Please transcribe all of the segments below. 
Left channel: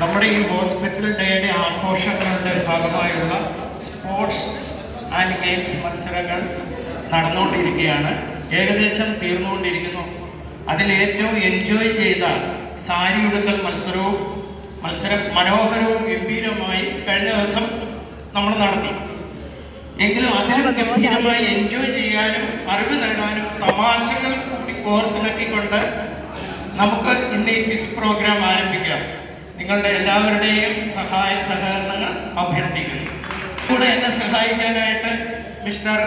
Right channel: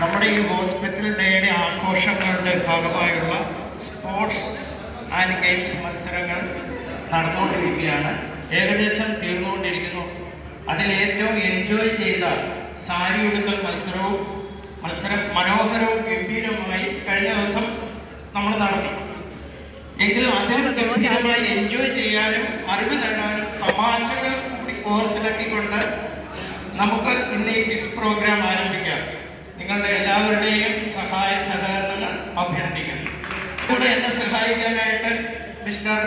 നമ്മുടെ ഈ ഹോസ്പിറ്റൽ ഡേയുടെ ആഘോഷങ്ങളുടെ ഭാഗമായുള്ള സ്പോർട്സ് ആൻഡ് ഗെയിംസ് മത്സരങ്ങൾ നടന്നുകൊണ്ടിരിക്കുകയാണ്. ഏകദേശം തീർന്നുകൊണ്ടിരിക്കുന്നു. അതിലേറ്റവും എൻജോയ് ചെയ്ത സാരി ഉടുക്കൽ മത്സരം മനോഹരവും ഗംഭീരമായി കഴിഞ്ഞ ദിവസം നമ്മൾ നടത്തി. എങ്കിലും അതിൽ ഗംഭീരമായി എൻജോയ് ചെയ്യാനും അറിവ് നേടാനും തമാശകൾ കൂടി ഓർത്തിണക്കിക്കൊണ്ട് നമുക്ക് ഇന്ന് ഈ ക്വിസ് പ്രോഗ്രാം ആരംഭിക്കാം. നിങ്ങളുടെ എല്ലാവരുടെയും സഹായ സഹകരണങ്ങൾ അഭ്യർത്ഥിക്കുന്നു. കൂടെ എന്നെ സഹായിക്കാനായിട്ട് mister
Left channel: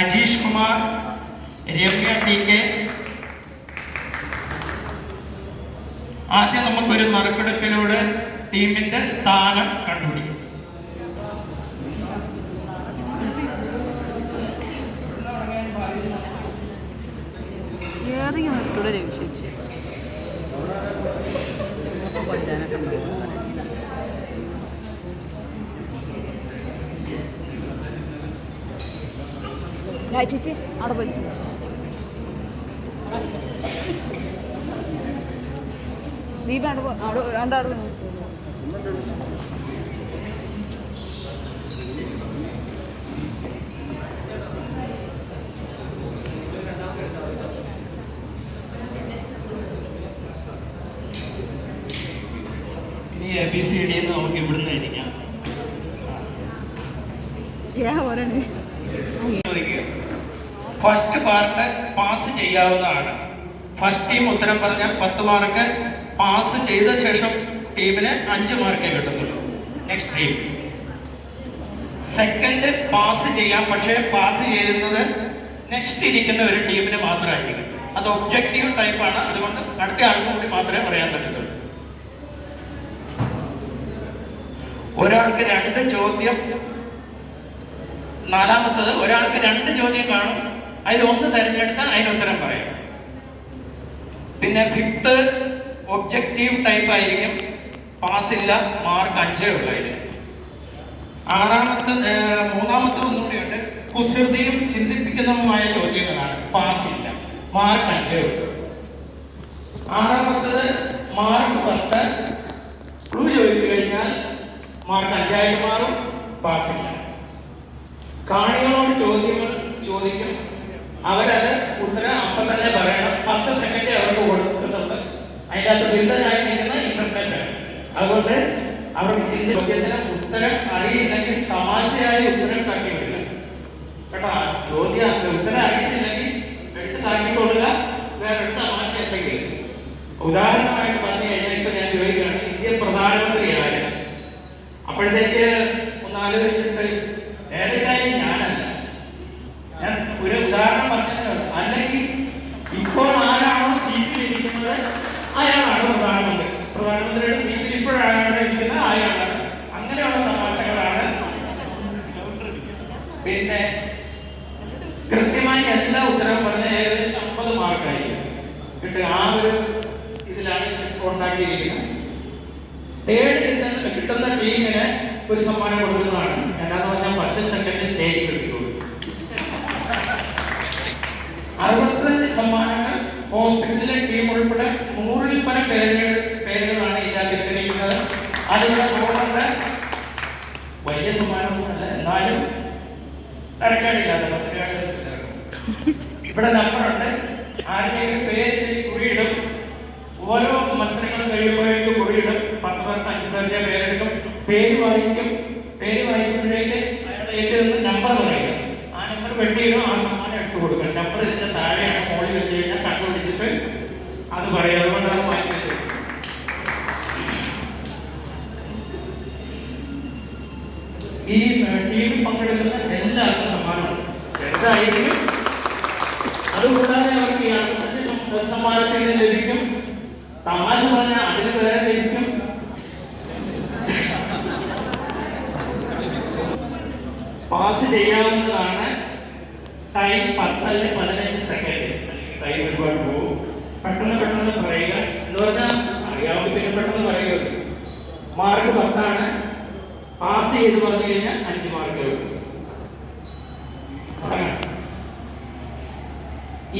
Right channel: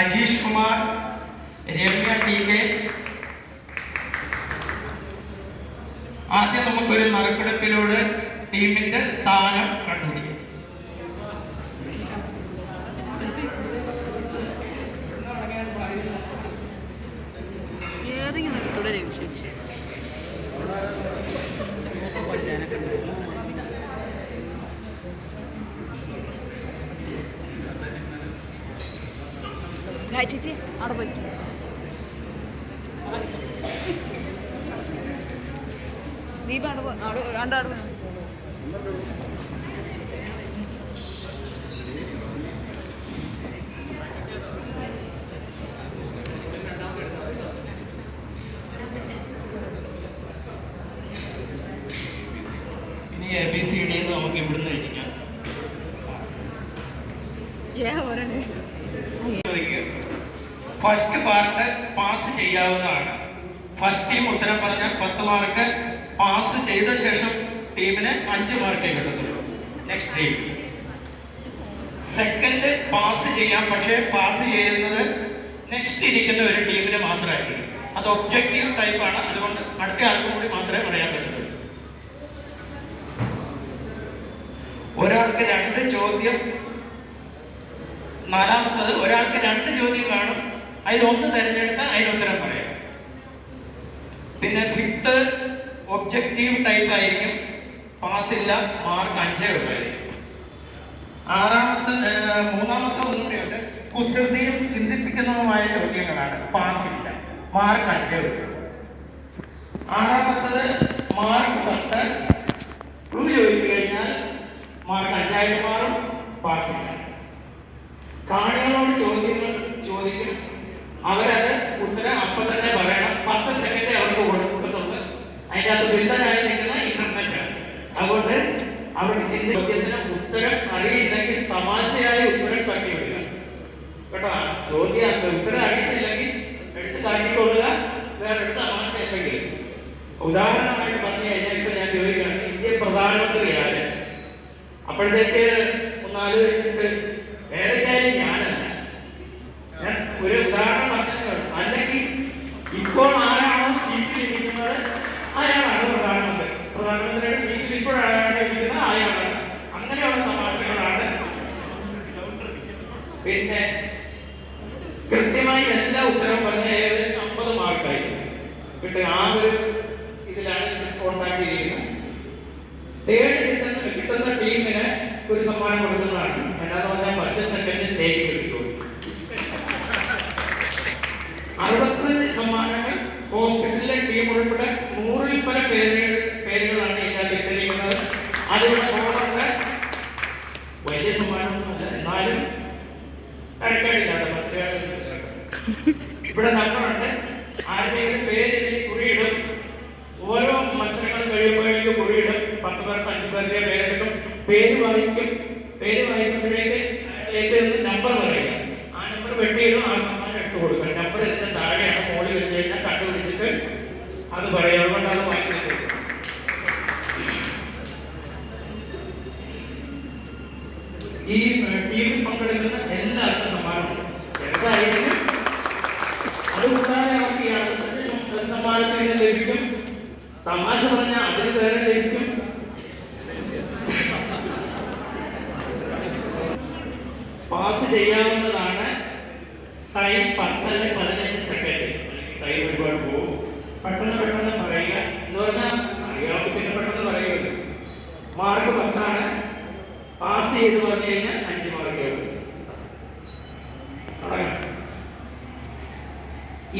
Ajeesh Kumar, Ramya T K. ആദ്യം നമുക്കൊരു നറുക്കെടുപ്പിലൂടെ ടീമിന്റെ സ്ഥാനം കണ്ടുപിടിക്കും. ചേച്ചി അവിടെ പോയി ദീപ രണ്ടാട് ഇനി ABCD നമുക്ക് ഇവിടുന്ന് ഇരിക്കാം. ഫസ്റ്റ് പാർട്ട് പാസ് ചെയ്യാവുന്നതാണ്. ഫസ്റ്റ് ടീം ഉത്തരം പറഞ്ഞാൽ 10 മാർക്ക്, പാസ് ചെയ്ത ശേഷം ടീമിന് 5 മാർക്കേ കിട്ടത്തുള്ളൂ. Next team. സെക്കൻഡ് പാസ് ചെയ്യാം, പക്ഷേ പാസ് ചെയ്യുന്നത് നെക്സ്റ്റ് ഇരിക്കുന്ന ഒരു ടീമിന് മാത്രമായിരിക്കും. അത് ഒബ്ജക്റ്റീവ് ടൈപ്പാണ്, അതുകൊണ്ട് അടുത്ത ആൾക്ക് കൂടി മാത്രമേ പറയാൻ പറ്റത്തുള്ളൂ. ഒരാൾക്ക് 2 ചോദ്യം, നാലാമത്തത് ഒരാൾക്ക് 2 ചോദ്യം കാണും, അതിലൊന്ന് തിരഞ്ഞെടുത്താൽ അതിനുത്തരം പറയും. പിന്നെ ഫിഫ്ത്ത് ഒബ്ജക്റ്റീവ് ടൈപ്പ് ആയിരിക്കും, പാസില്ല, മാർക്ക് 5 ഉള്ളായിരിക്കും. മൂന്നാമത്തെ ഒന്നുകൂടിയുണ്ട്, കുസൃതിയും ചിന്തിപ്പിക്കുന്നതുമായ ചോദ്യങ്ങളാണ്, പാസില്ല, മാർക്ക് 5 ഉള്ളൂ. ആറാമത്തത് മാർക്ക് 10, ക്ലൂ ചോദിച്ചു കഴിഞ്ഞാൽ മാർക്ക് 5 ആയിട്ട് മാറും, പാസില്ല. കാണികളോട് ചോദ്യങ്ങൾ ചോദിക്കും, അവരത് ഉത്തരം അപ്പം തന്നെ പറയണം. 10 സെക്കൻഡ് അവർക്ക് കൊടുക്കുന്നുണ്ട്. അതിൻ്റെ അകത്ത് ബിന്ദനായി നിൽക്കുന്ന ഇന്റർനെറ്റ്. അതുകൊണ്ട് അവർക്ക് ചോദ്യത്തിന് ഉത്തരം അറിയില്ലെങ്കിൽ തമാശയായ ഉത്തരം തട്ടി വിടുക കേട്ടോ. ഉത്തരം അറിയിട്ടില്ലെങ്കിൽ എടുത്ത് കാട്ടിക്കൊള്ളുക, വേറെ എടുത്ത് തമാശ എന്തെങ്കിലും. ഉദാഹരണമായിട്ട് പറഞ്ഞു കഴിഞ്ഞാൽ ഇപ്പൊ ഞാൻ ചോദിക്കുകയാണ്, ഇന്ത്യൻ പ്രധാനമന്ത്രി ആര്? അപ്പോഴത്തേക്ക് ഒന്ന് ആലോചിച്ചിട്ട് ഏതൊക്കെയായാലും ഞാനല്ല, ഞാൻ ഒരു ഉദാഹരണം പറഞ്ഞതേ. അല്ലെങ്കിൽ ഇപ്പോൾ ആരാണോ സീറ്റിൽ ഇരിക്കുന്നത് അയാളാണ് പ്രധാനമന്ത്രി. പ്രധാനമന്ത്രിയുടെ സീറ്റിൽ ഇപ്പോഴാണ് ഇരിക്കുന്നത് അയാളാണ്. അങ്ങനെയുള്ള തമാശകളാണ്. പിന്നെ കൃത്യമായി എല്ലാ ഉത്തരവും പറഞ്ഞ ഏകദേശം 50 മാർക്കായി കിട്ടുക. ആ ഒരു ഇതിലാണ് ഉണ്ടാക്കിയിരിക്കുന്നത്. തേർഡ് കിട്ടുന്ന ടീമിന് ഒരു സമ്മാനം കൊടുക്കുന്നതാണ്. എന്താന്ന് പറഞ്ഞാൽ ഫസ്റ്റ് സെക്കൻഡ് സ്റ്റേജ് കിട്ടുള്ളൂ. 65 സമ്മാനങ്ങൾ ഹോസ്പിറ്റലിലെ ടീം ഉൾപ്പെടെ 100-ൽ പരം പേരുകളാണ് ഇതിനകത്ത് ഇട്ടിരിക്കുന്നത്. അതിവിടെ പോകുന്നത് വലിയ സമ്മാനമൊന്നുമല്ല, എന്നാലും തരക്കേടില്ലാത്ത പത്രികകൾ ഇവിടെ നമ്പറുണ്ട്. ആരുടെയെങ്കിലും പേര് കുറിയിടും. ഓരോ മത്സരങ്ങൾ കഴിയുമ്പോഴേക്കും കുറിയിടും. 10 പേർക്ക് 5 പേരുടെ പേരെടുക്കും. പേര് വായിക്കുമ്പോഴേക്ക് അയാളുടെ ഏറ്റവും നമ്പർ പറയും. ആ നമ്പർ വെട്ടിയിടും, ആ സമ്മാനം എടുത്തു കൊടുക്കും. നമ്പർ ഇതിന്റെ താഴെയാണ്, മോളിൽ വെച്ച് കഴിഞ്ഞാൽ കണ്ടുപിടിച്ചിട്ട് അത് പറയും. അതുകൊണ്ടാണ് വായിക്കുന്നത്. ഈ ടീമിൽ പങ്കെടുക്കുന്ന എല്ലാവർക്കും സമ്മാനമുണ്ട്. ചെറുതായിരിക്കും. അതുകൂടാതെ അവർക്ക് യാതൊരു സമ്മാനത്തിൽ ലഭിക്കും. തമാശ പറഞ്ഞാൽ അതിന് വേറെ ലഭിക്കും. പാസ് ചെയ്യാവുന്നതാണ്. ടൈം 10 അല്ലെങ്കിൽ 15 സെക്കൻഡ്. ടൈം ഒരുപാട് പോകും. പെട്ടെന്ന് പറയുക എന്ന് പറഞ്ഞാൽ അറിയാവുന്ന പിന്നെ പെട്ടെന്ന് പറയുക. മാർക്ക് 10 പാസ് ചെയ്ത് പറഞ്ഞു കഴിഞ്ഞാൽ 5 മാർക്ക് വരും.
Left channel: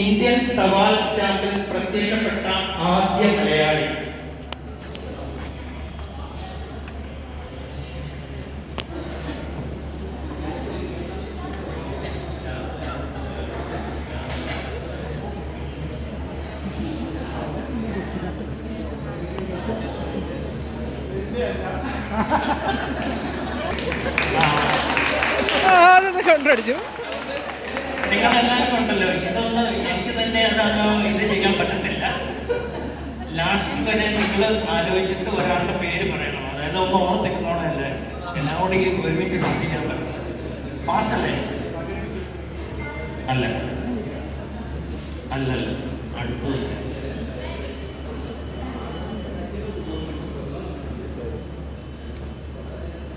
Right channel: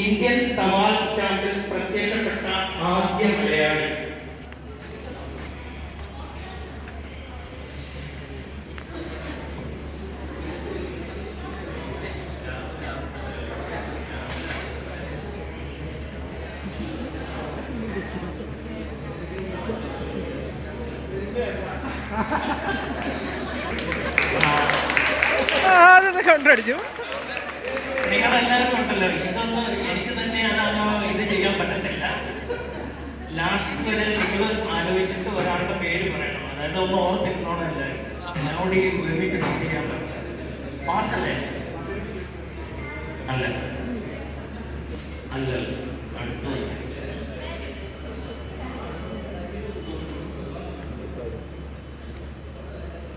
ഇന്ത്യൻ തപാൽ സ്റ്റാമ്പിൽ പ്രത്യക്ഷപ്പെട്ട ആദ്യ മലയാളി അതൊക്കെ കണ്ടടിച്ചു. നിങ്ങളെല്ലാവരും ഉണ്ടല്ലോ, ഇതൊന്നും എനിക്ക് തന്നെ അതൊന്നും ഇത് ചെയ്യാൻ പറ്റുന്നില്ല. ലാസ്റ്റ് തന്നെ നിങ്ങൾ ആലോചിച്ചിട്ട് ഒരാളുടെ പേര് പറയണം, അതായത് ഒന്ന് ഓർത്തിരുന്നോണം. എല്ലാവരും എന്നോട് ഈ ഒരുമിച്ച് ബാക്കി ചെയ്യാൻ പറ്റും. പാസ്സല്ലേ? അല്ല അല്ലല്ല, അടുത്തത്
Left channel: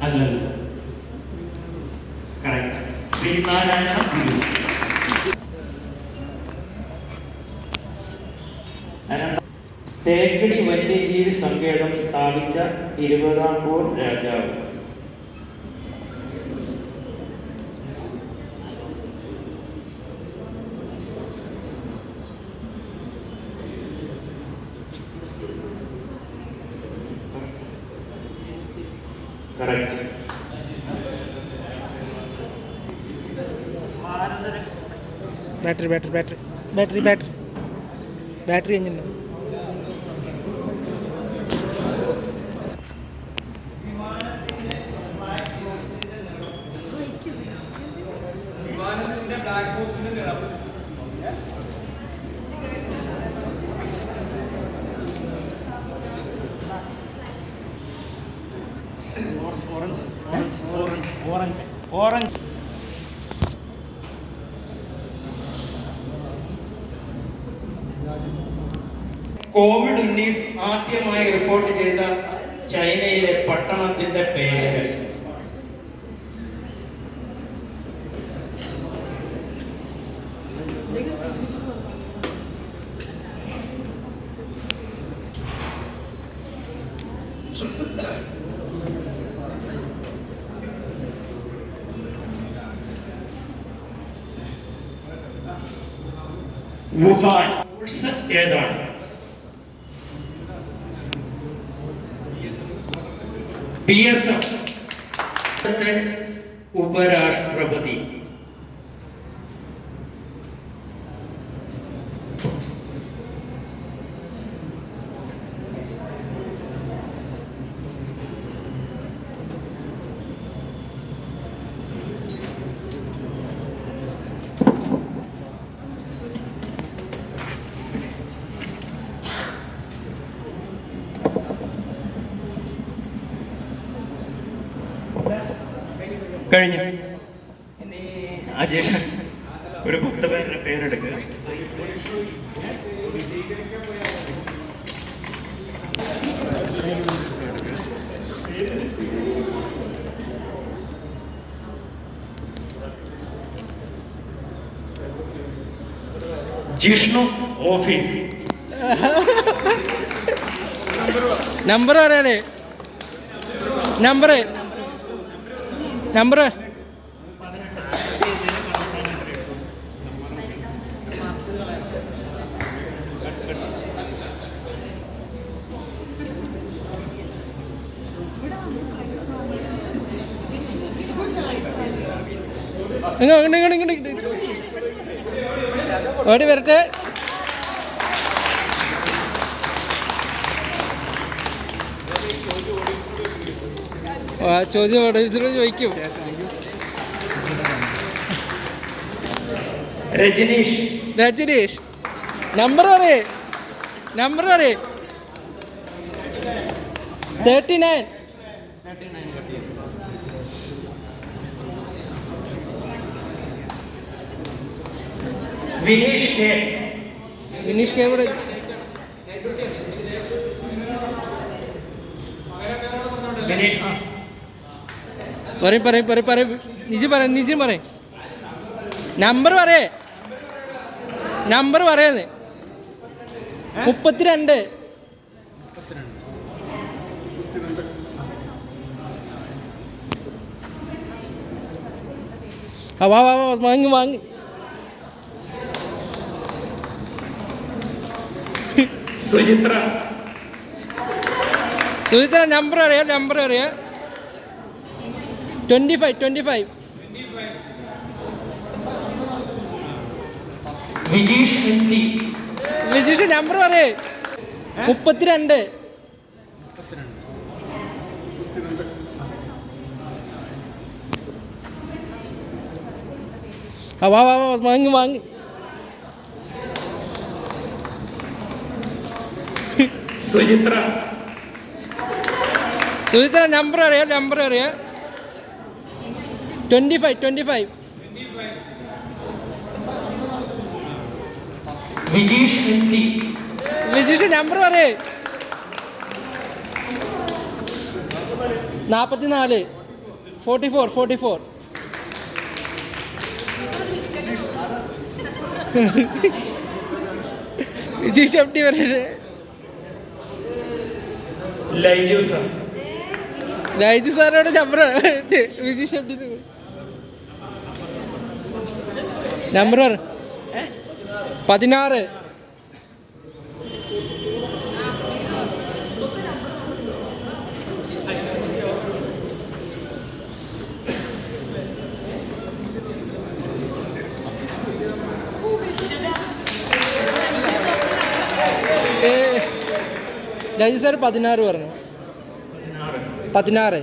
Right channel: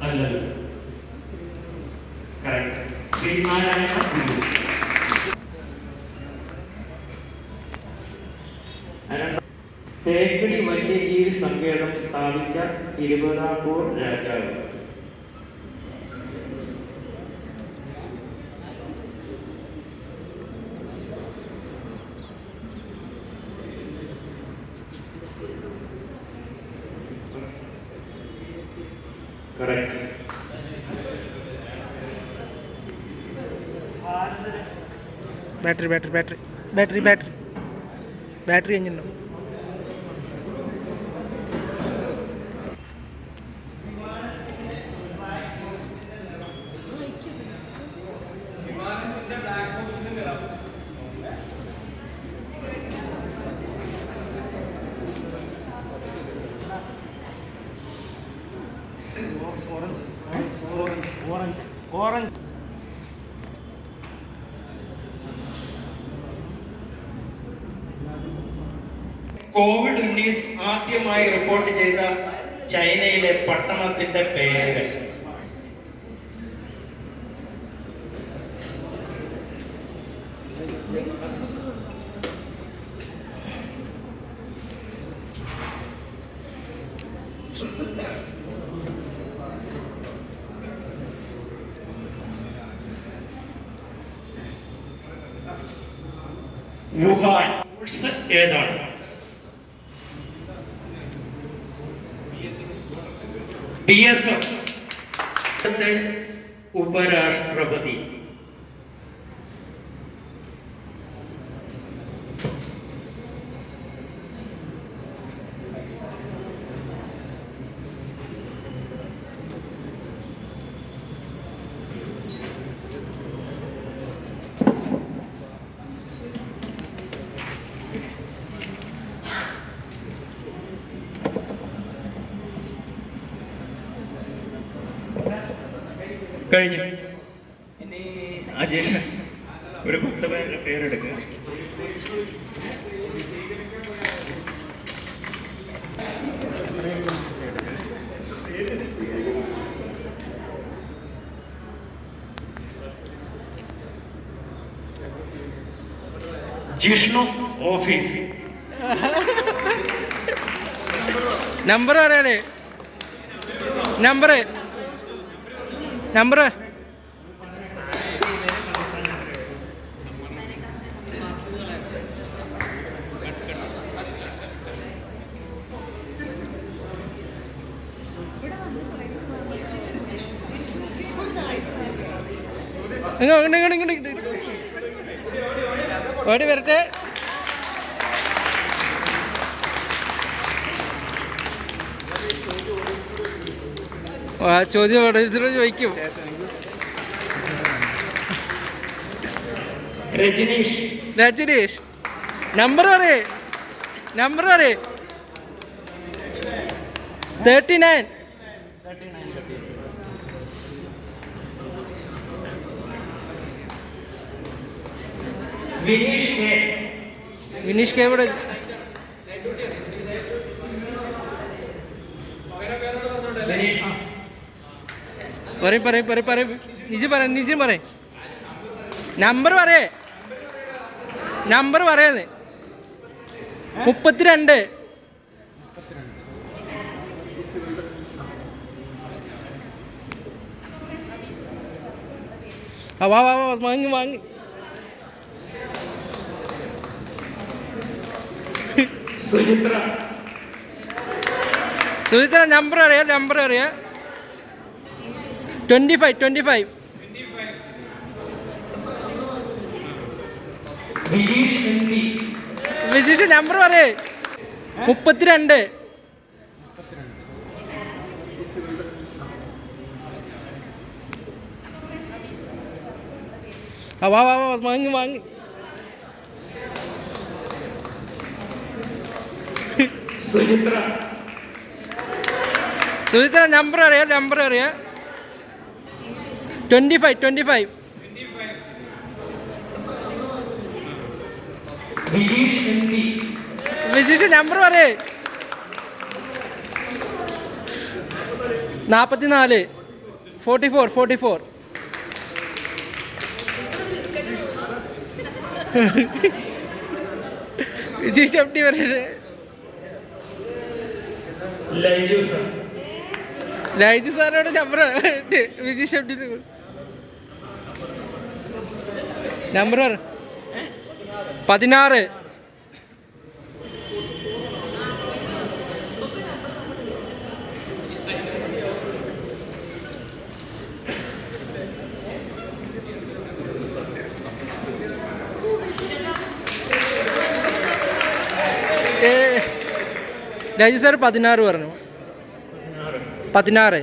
അല്ലല്ല, കറക്റ്റ്. ശ്രീനാരായണ ഗുരു. തേക്കടി വന്യജീവി സങ്കേതം സ്ഥാപിച്ച തിരുവിതാംകൂർ രാജാവ്. Correct. Battery battery battery battery battery battery കഴിഞ്ഞിട്ടുണ്ടോ? ഓറഞ്ച്. COVID-19 ആദ്യമായി റിപ്പോർട്ട് ചെയ്ത ചൈനയിലെ പട്ടണത്തിന്റെ പേര്. വുഹാൻ. ഏതാണ്? PSF ഉപരാഷ്ട്രപതി. കഴിഞ്ഞു. ഇനി അജയൻ ഒരു 10 പേരുടെ പേരെടുക്കുക. ജിഷ്ണു ഓഫീസ്. നമ്പർ അറിയാലേ? നമ്പർ നമ്പർ ഇങ്ങോട്ട് ഓടി വരട്ടെ. ആ ചോദ്യം ചോദിക്കും. രജനീഷ് നമ്പർ പറയേ? നമ്പർ പറയേ? 39. വിനീഷ് കെ ഇവിടെ. പറയും നിജം പറയും. നമ്പർ പറയേ? നമ്പർ പറയുന്നത് 32. വാ വാങ്ങി. സുചിത്ര നമ്പർ അറിയാം? 25. വിജീഷ് നമ്പർ പറയേ? 32. ആ വാ വാ വാ വാങ്ങ് വാങ്ങ്. സുചിത്ര സുചിത്ര നമ്പർ അറിയാം, നമ്പർ അറിയാം. 25. വിജീഷ് എം.ടി. വിജീഷ് നമ്പർ പറയേ. 44 44. വിജീഷ് എം ടി പറയേ. ലൈജു സാറോട് number Vijeesh M T number 16. Laiju sir 16 പറഞ്ഞു. 16.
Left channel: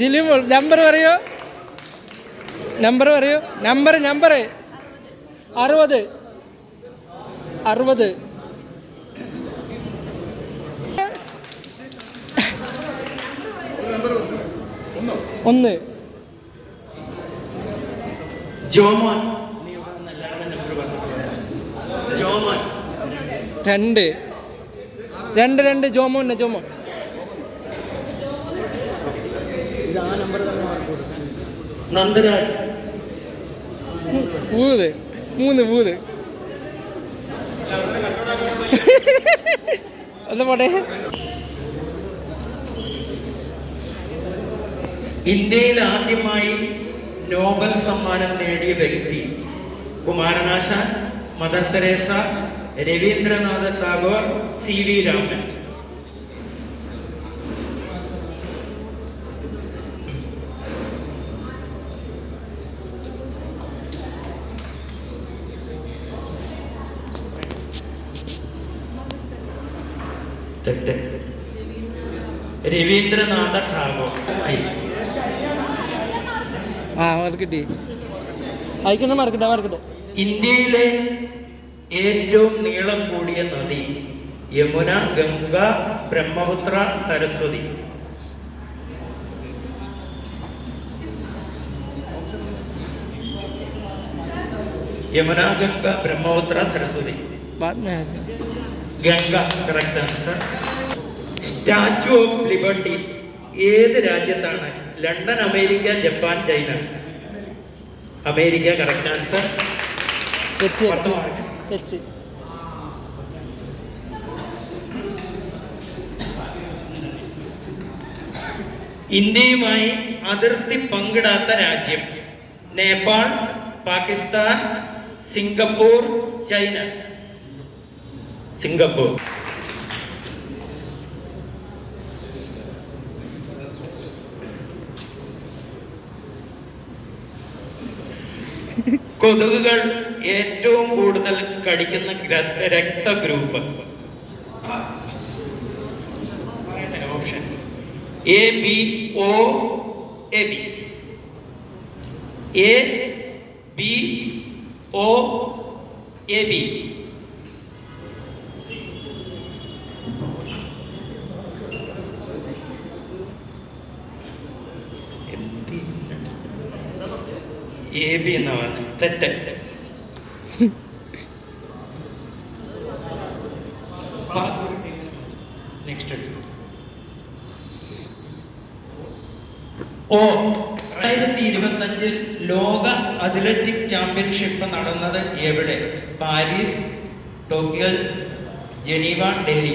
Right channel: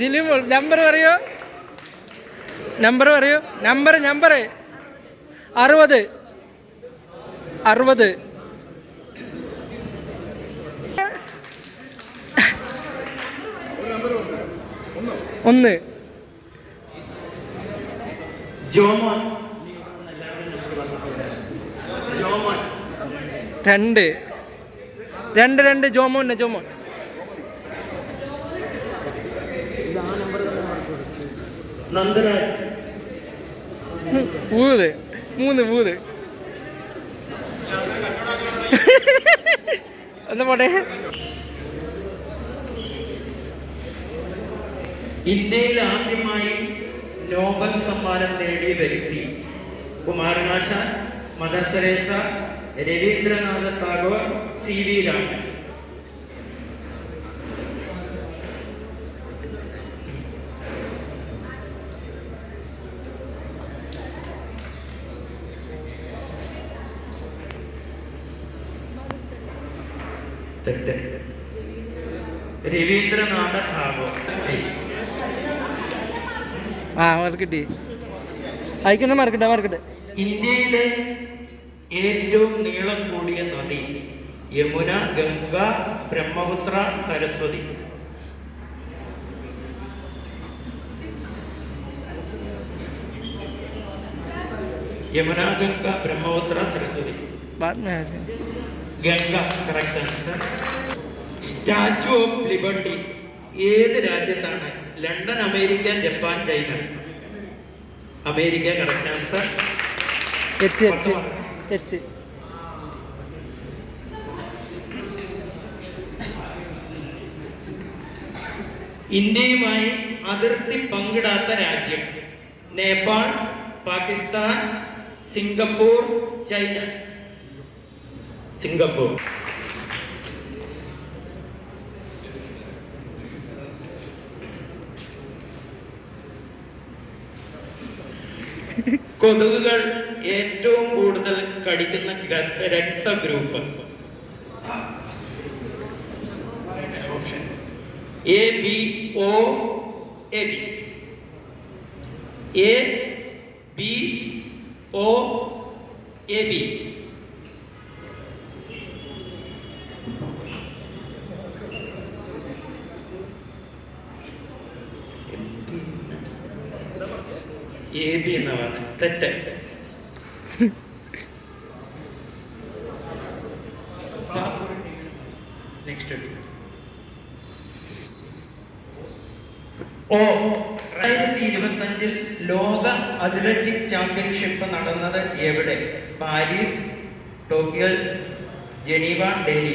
ജിലുമോൾ നമ്പർ പറയോ. നമ്പർ 60. 1. ജോമോൻ 2. ജോമോൻ. നന്ദരാജ് 3. ഒന്ന് പോട്ടെ. ഇന്ത്യയിൽ ആദ്യമായി നോബൽ സമ്മാനം നേടിയ വ്യക്തി Kumaranasan, Mother Teresa, Rabindranath Tagore, CV Raman. Rabindranath Tagore. കിട്ടി. അയക്കണേ മറക്കട്ടെ. ഇന്ത്യയിലെ ഏറ്റവും നീളം കൂടിയ നദി Yamuna, Ganga, Brahmaputra, Saraswati. Yamuna, Ganga, Brahmaputra, Saraswati. Ganga correct answer. Statue of liberty ഏത് രാജ്യത്താണ്? London, America, Japan, China. America correct answer. ഇന്ത്യയുമായി അതിർത്തി പങ്കിടാത്ത രാജ്യം? Nepal, Pakistan, Singapore, China. Singapore. കൊതുകുകൾ ഏറ്റവും കൂടുതൽ കടിക്കുന്ന രക്തഗ്രൂപ്പ്? Option A, B, O, AB. A, B, O, AB. AB എന്നാണ് തെറ്റ്. നെക്സ്റ്റ്. 2025 ലോക അത്ലറ്റിക് ചാമ്പ്യൻഷിപ്പ് നടന്നത് എവിടെ? Paris, Tokyo, Geneva, Delhi.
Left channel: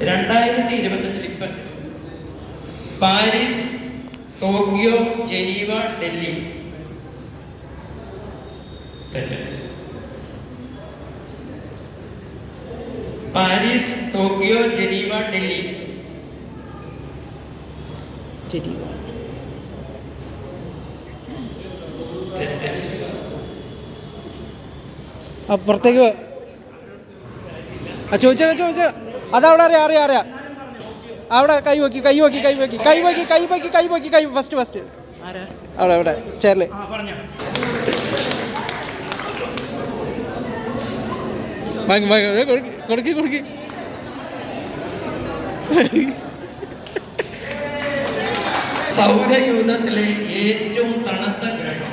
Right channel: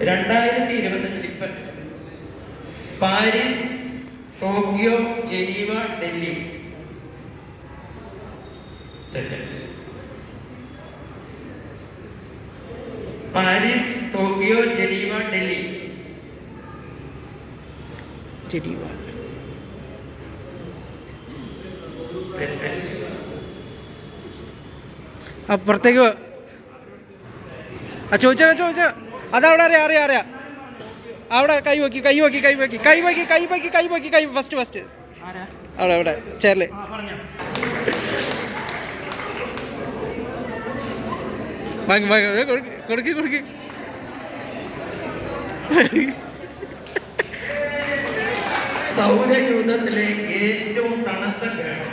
2025 Paris, Tokyo, Geneva, Delhi. Paris, Tokyo, Geneva, Delhi. അപ്പുറത്തേക്ക് ആ ചോദിച്ചോ അതവിടെ അറിയാം അവിടെ കൈ ഫസ്റ്റ് അവിടെ ചേർല് കൊടുക്കി സൗരയൂഥത്തിലെ ഏറ്റവും തണുത്ത ഗ്രഹം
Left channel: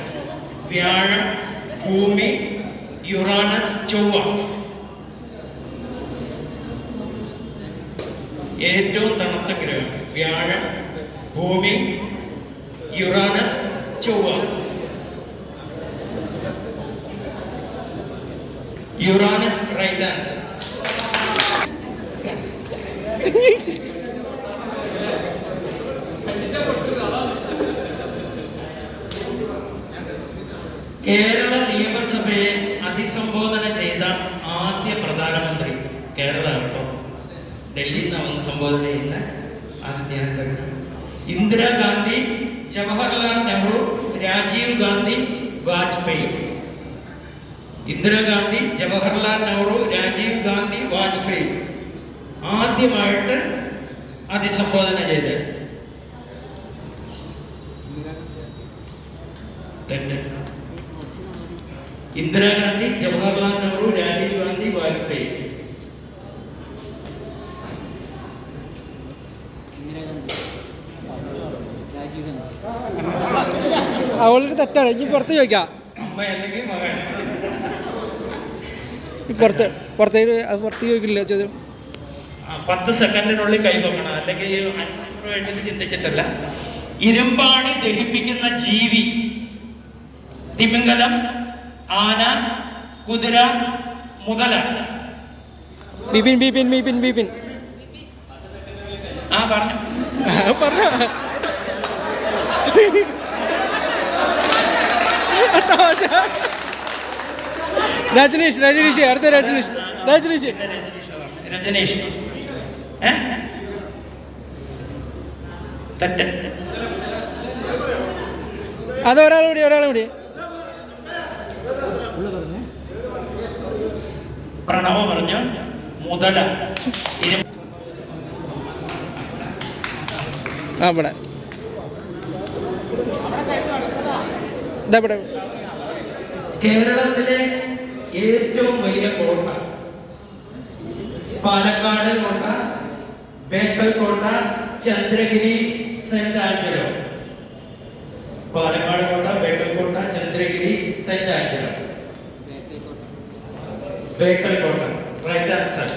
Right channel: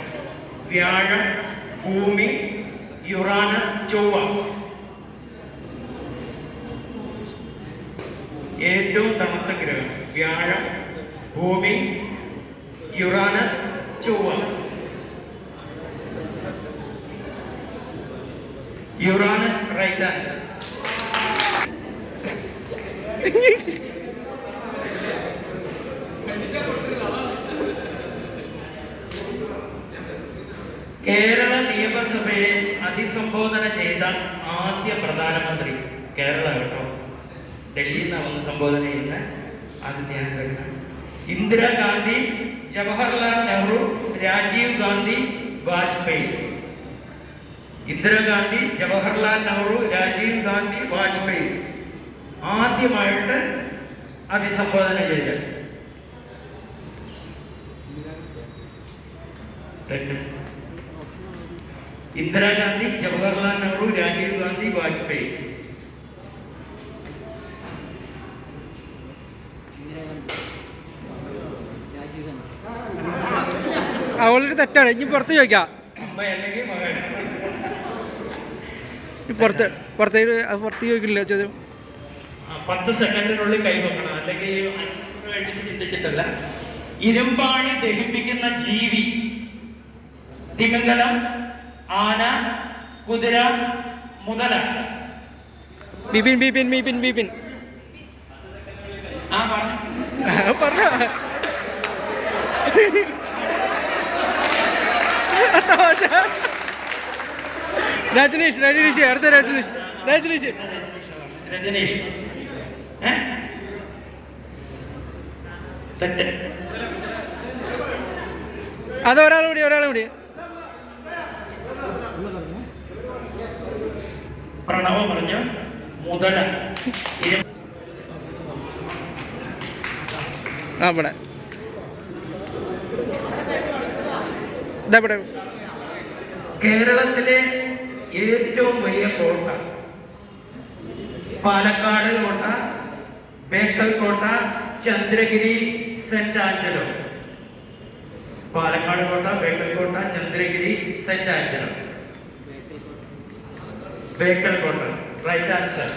വ്യാഴം, ഭൂമി, യുറാനസ്, ചൊവ്വ. ഏറ്റവും തണുത്ത ഗ്രഹം വ്യാഴം, ഭൂമി, യുറാനസ്, ചൊവ്വ. Uranus right answer. കേരള നിയമസഭയെ അഭിസംബോധന ചെയ്ത ആദ്യ പ്രധാനമന്ത്രി കേരള കേട്ടോ, ഡൽഹിയിൽ നിന്ന് വന്ന് സംബോധന ചെയ്യുന്ന ആദ്യ ഇന്ദിരാഗാന്ധി, ജവഹർലാൽ നെഹ്റു, രാജീവ് ഗാന്ധി, വാജ്പേയി. ഇന്ദിരാഗാന്ധി, ജവഹർലാൽ നെഹ്റു, രാജീവ് ഗാന്ധി, വാജ്പേയി ആദ്യമായിട്ട് അഭിസംബോധന ചെയ്തത്. ഇന്ദിരാഗാന്ധി, ജവഹർലാൽ നെഹ്റു, രാജീവ് ഗാന്ധി, വാജ്പേയി. അവളൊരു തെറ്റാണ്. ഇനി പുറത്ത് ചോദിക്കാം. പുറത്ത് ചോദിക്കില്ല ചോദ്യം. 10 സെക്കൻഡിനുള്ളിൽ കൈവക്കണം, അല്ലെങ്കിൽ ചിന്തിച്ചിട്ടല്ല. ഇരുമ്പാണ് ദഹിപ്പിക്കുന്ന ജീവി? തിമിംഗലം, ആന, കുതിര, മുതല. ബിപിൻ പറഞ്ഞോ. രജനീഷ് അടുത്ത രജനീഷ്. അത് ഒരാളും കൂടി പ്രണവ പറഞ്ഞു മുതല. ഇവിടെ കേരളത്തിലെ ഏറ്റവും വലിയ കോട്ട പാലക്കാട് കോട്ട, ബേക്കൽ കോട്ട, ചന്ദ്രഗിരി, സെന്റ് ആഞ്ചലോ. പാലക്കാട് കോട്ട, ബേക്കൽ കോട്ട, ചന്ദ്രഗിരി, സെന്റ് ആഞ്ചലോ. ബേക്കൽ കോട്ട റൈറ്റ് ആൻസർ.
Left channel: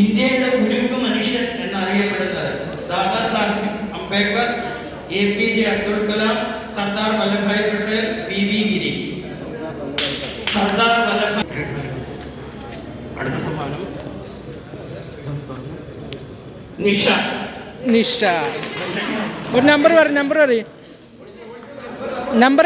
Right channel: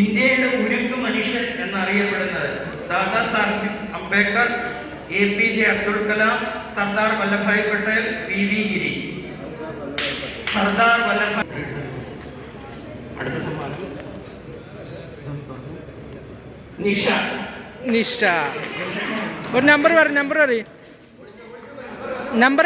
ഇന്ത്യയുടെ ഉരുക്കു മനുഷ്യൻ എന്നറിയപ്പെടുന്നത് ദാദാ സാഹിബ് അംബേദ്കർ, APJ അബ്ദുൽ കലാം, സർദാർ വല്ലഭായ് പട്ടേൽ, VV ഗിരി. സർദാർ വല്ലഭായ്. അടുത്ത സമ്മാനം നിഷ. ഒരു നമ്പർ പറ. നമ്പർ 20. നമ്പർ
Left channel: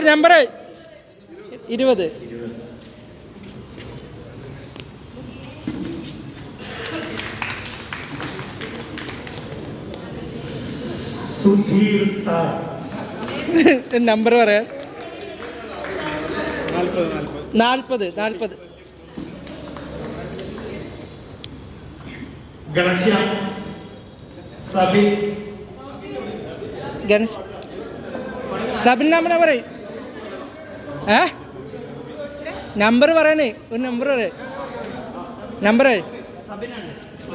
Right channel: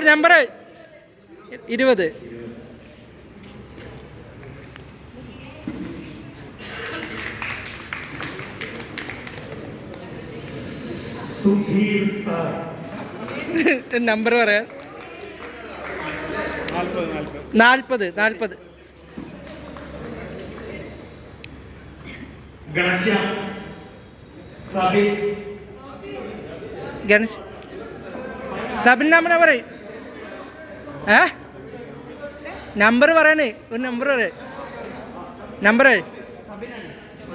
പറയാ. 40. ഗണേശ് സബിൻ നമ്പർ പറയും. നമ്പർ പറയണേ. ഒരു നമ്പർ പറയാ. നമ്പർ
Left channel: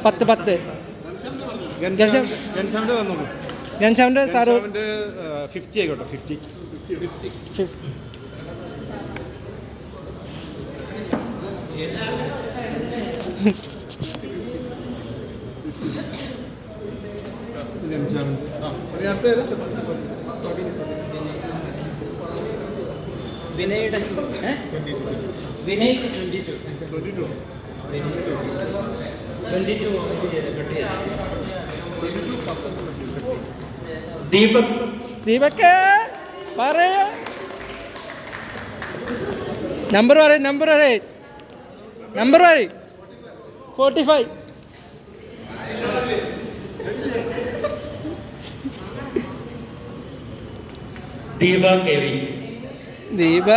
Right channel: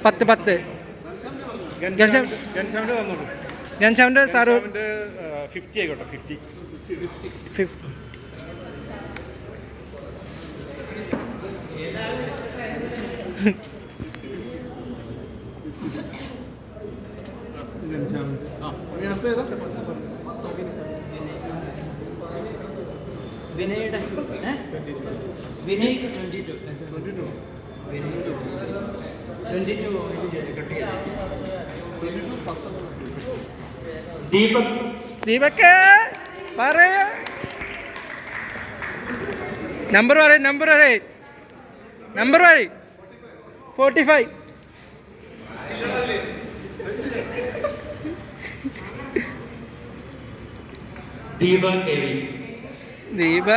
10. ഗൺശാമിന്റെ സാറ് 50 ആയിക്കോട്ടെ. 50. ദീപക് പറയ. Number 45. Deepa K V. Deepa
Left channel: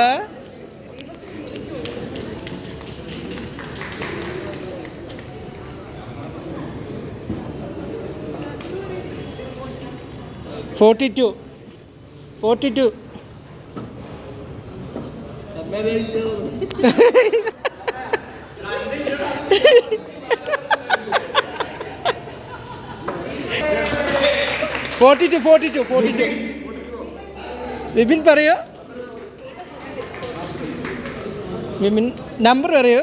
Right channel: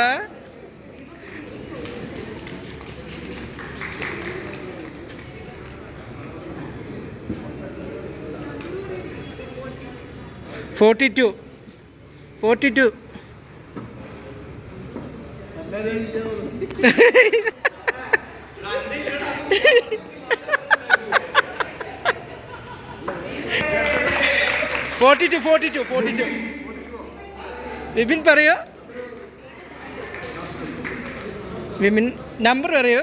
42 42 42 Vipin പറയോ വിപിൻ നമ്പർ പറയോ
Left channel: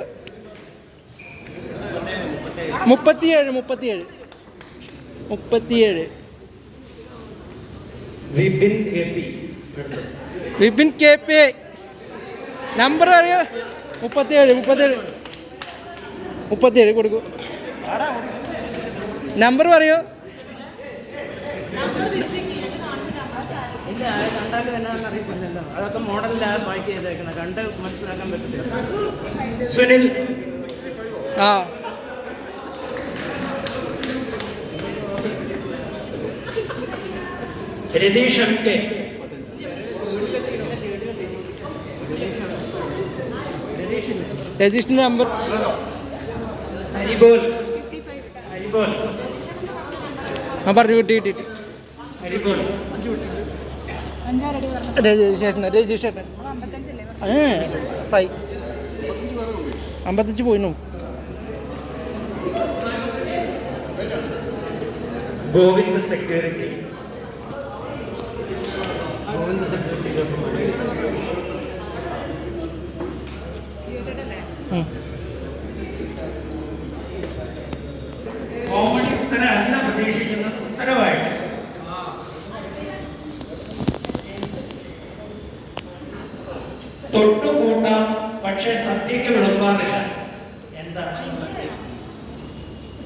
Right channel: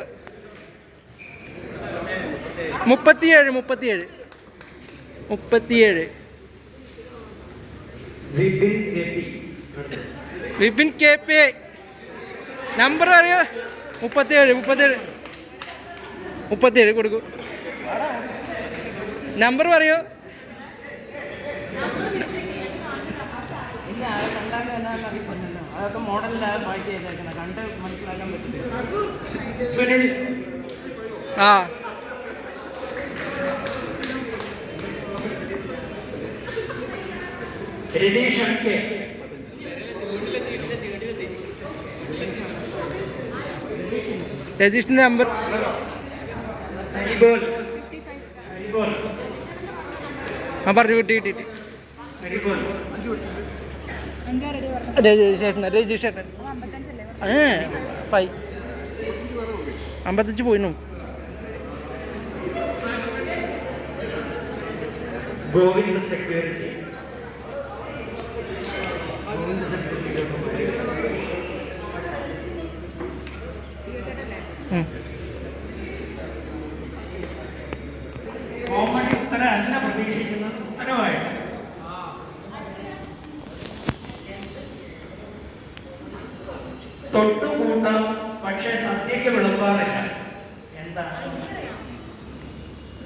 37 വിപിൻ കെ പി നമ്പർ അറിയോ 37 കൊടുക്കൂ നമ്പർ പറയോ സുനിൽ ആ Ratheesh M K register number Haribol ആ പറഞ്ഞു കിട്ടിയിട്ട് ഹരിബോൽ രജിസ്ട്രേഷൻ 55 പോയിന്നു ഗോവിന്ദ് സെക്യൂരിറ്റി കോമഡി ഉത്തരം അല്ല പ്രതീക്ഷിക്കുന്നത് ഉത്തരവായിട്ട് തൊട്ടുകൂട്ടാം പക്ഷെ സദ്യക്ക് വിളമ്പാറില്ല. എന്താണ്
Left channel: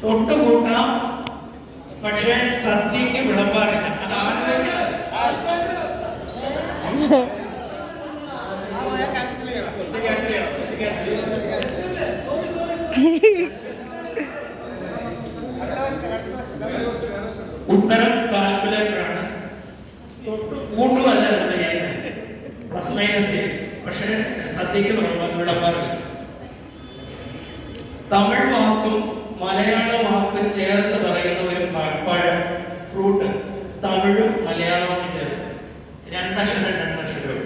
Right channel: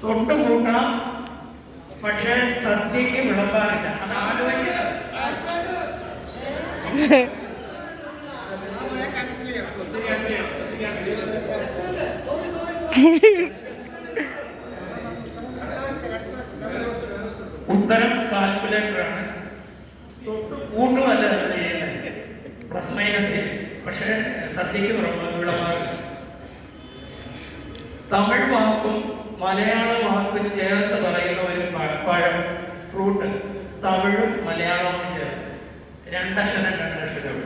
തൊട്ടുകൂട്ടാം പക്ഷെ സദ്യക്ക് വിളമ്പാറില്ല? അതാണ് ഉത്തരം കാൽക്കുലേറ്ററാണ്. കൂട്ടുമല്ല പ്ലസ് മൈനസ്, പക്ഷെ സദ്യക്ക് വിളമ്പാറില്ല. തമിഴ് വാക്കും മലയാള വാക്കും ചേർത്ത് പറയുന്ന ഒരു പഴം, ഫ്രൂട്ട്, തമിഴും മലയാളവും ചേർത്ത് രണ്ടക്ഷരവും.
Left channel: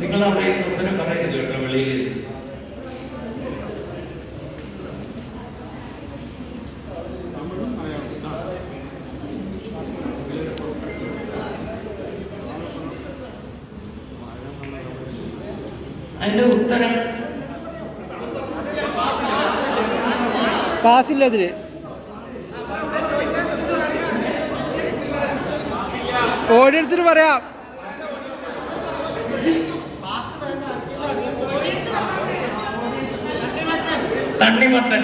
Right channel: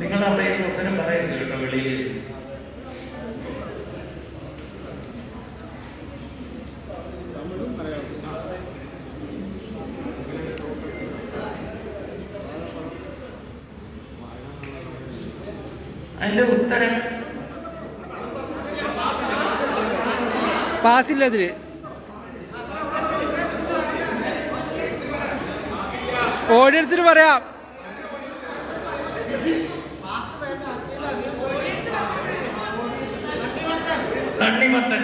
നിങ്ങൾ അറിയുന്ന ഉത്തരം പറയുന്നു കേട്ടോ വെളിയിൽ. അതിന്റെ ഉത്തരം പാസില്ല അതില്. ഓടിയെടുത്തിട്ട് പറയാം. തണ്ണിമത്തൻ.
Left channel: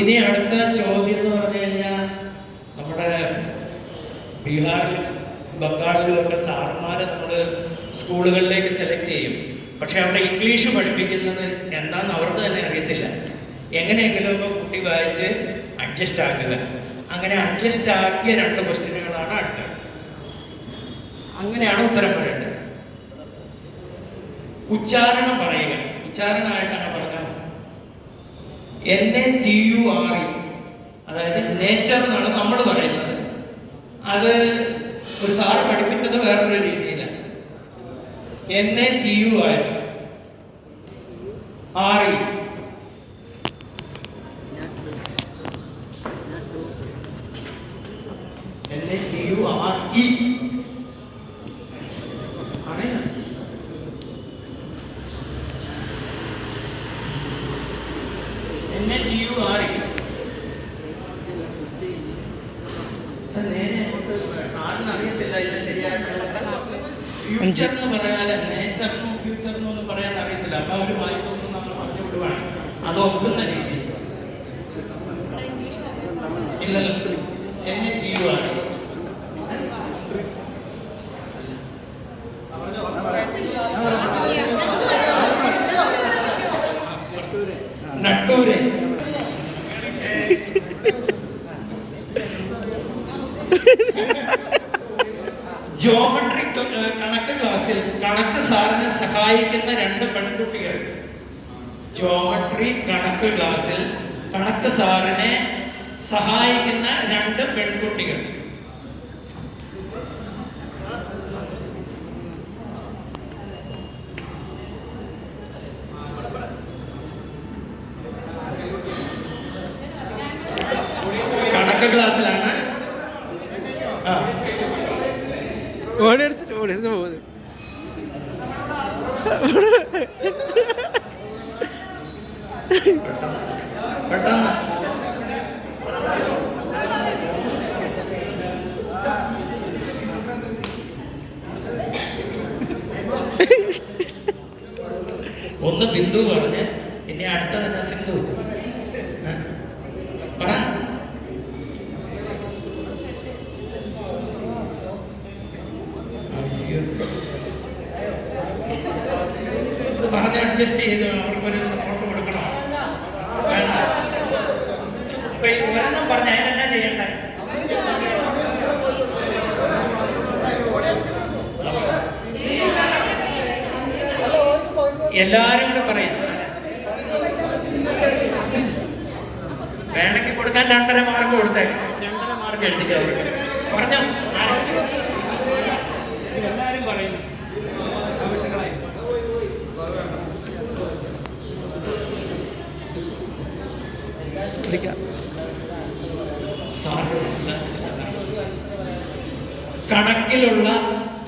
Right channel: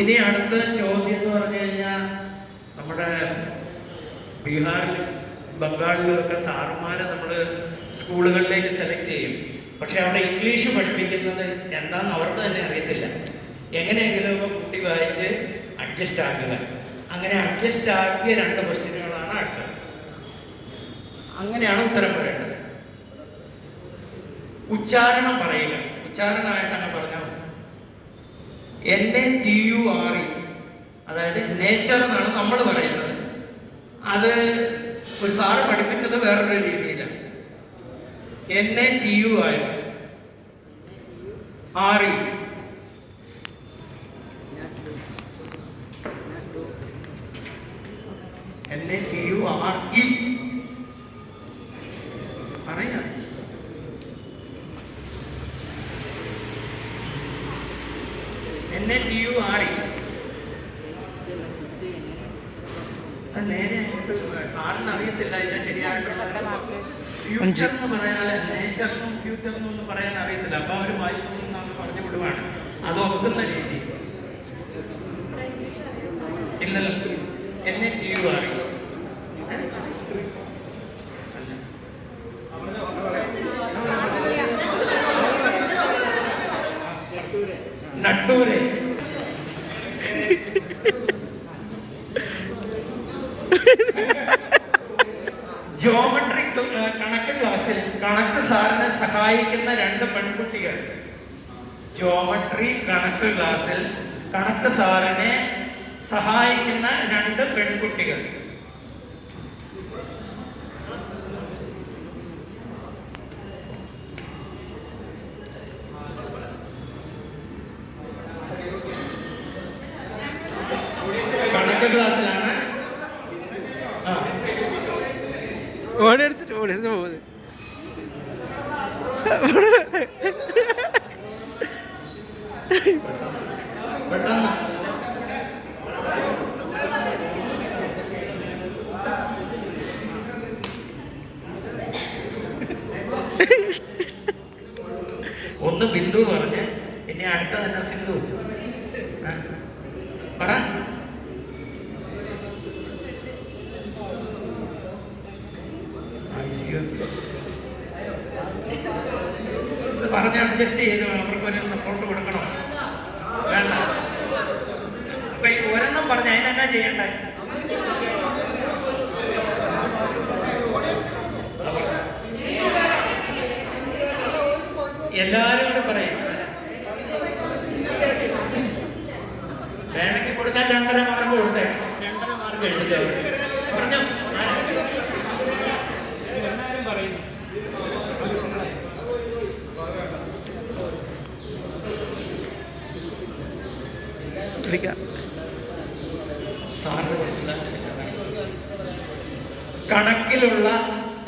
ഇനി അടുത്ത ചോദ്യം എന്ന് പറഞ്ഞു കഴിഞ്ഞാൽ നമ്മുടെ ബീഹാറിലും ബംഗാളിലുമൊക്കെ സാറന്മാരെ നമ്മൾ സ്കൂളുകളിലേക്ക് സെലക്ട് ചെയ്യും. പക്ഷെ അവിടെ ഇംഗ്ലീഷ് പഠിപ്പിക്കുന്നത് എന്താണെന്ന് അവർക്ക് തന്നെ അറിയത്തില്ല. എങ്ങനെയെങ്കിലും ഒക്കെ കുട്ടി വായിച്ച് അഡ്ജസ്റ്റ് ആക്കുക. അങ്ങനെ അഡ്ജസ്റ്റ് ആക്കിയ 2 ക്വസ്റ്റ്യനുകളാണ് അടുത്തത്. അങ്ങനെയാണ് ഉത്തരം പറയേണ്ടത്. ഉച്ചാരണം പറയുക. ഉച്ചാരണമായിട്ടാണ് പറഞ്ഞത്. NATURE, അതായത് നേച്ചർ എന്നാണ് നമ്മൾ പറയുന്നത്. അത് ഒരു സാറ് പഠിപ്പിച്ചത് വേറൊരു രീതിയിലാണ്. NATURE സാറിന് അറിയത്തില്ല ഇതിന്റെ ശരിയായിട്ടുള്ള ഫ്യൂച്ചർ എന്ന് പറയാതെ നേച്ചറിനും ഫ്യൂച്ചറിനും ഒന്നും പറയാൻ അറിയത്തില്ല. അപ്പൊ അവർ വായിപ്പൊന്നും നമ്മൾ പറഞ്ഞു വിടുവാണ്. അത് ഒക്കുന്ന രീതി ഇല്ലല്ലോ. NATURE ജോമെട്രി കണക്ക് ക്ലാസ്സിൽ കണക്ക് സാറിനെ സഹായിക്കുന്ന 2 പെൺകുട്ടികൾ. ജോമെട്രി കണക്ക് ക്ലാസ്സിൽ കണക്ക് സാറിനെ സഹായിക്കുന്ന 2 പെൺകുട്ടികൾ. കണക്ക് ക്ലാസ്സിലാണ്. ഓടിച്ചിട്ട് പോകുന്നത്. പെട്ടെന്ന് ഒന്ന് ബിന്ദു പറഞ്ഞ് ഇനി അടുത്തത് സിന്ധു പറ. പറഞ്ഞ് അഡ്ജസ്റ്റ് ചെയ്ത് അവർക്കൊരു സപ്പോർട്ട് കൊടുക്കണം. അപ്പൊ ഒരെണ്ണം പറഞ്ഞ അതിനെന്നാ ചെയ്യണ്ടേ? എല്ലാരും കൂടെ പറയും. വേണമെങ്കിൽ കൊടുക്കാൻ 2.5 മാർക്ക് കൊടുത്തേ. 2.5 മാർക്ക് എഴുതിക്കാറ് പറഞ്ഞോ. എല്ലാരും പറയുന്നു. കണക്കിലുള്ള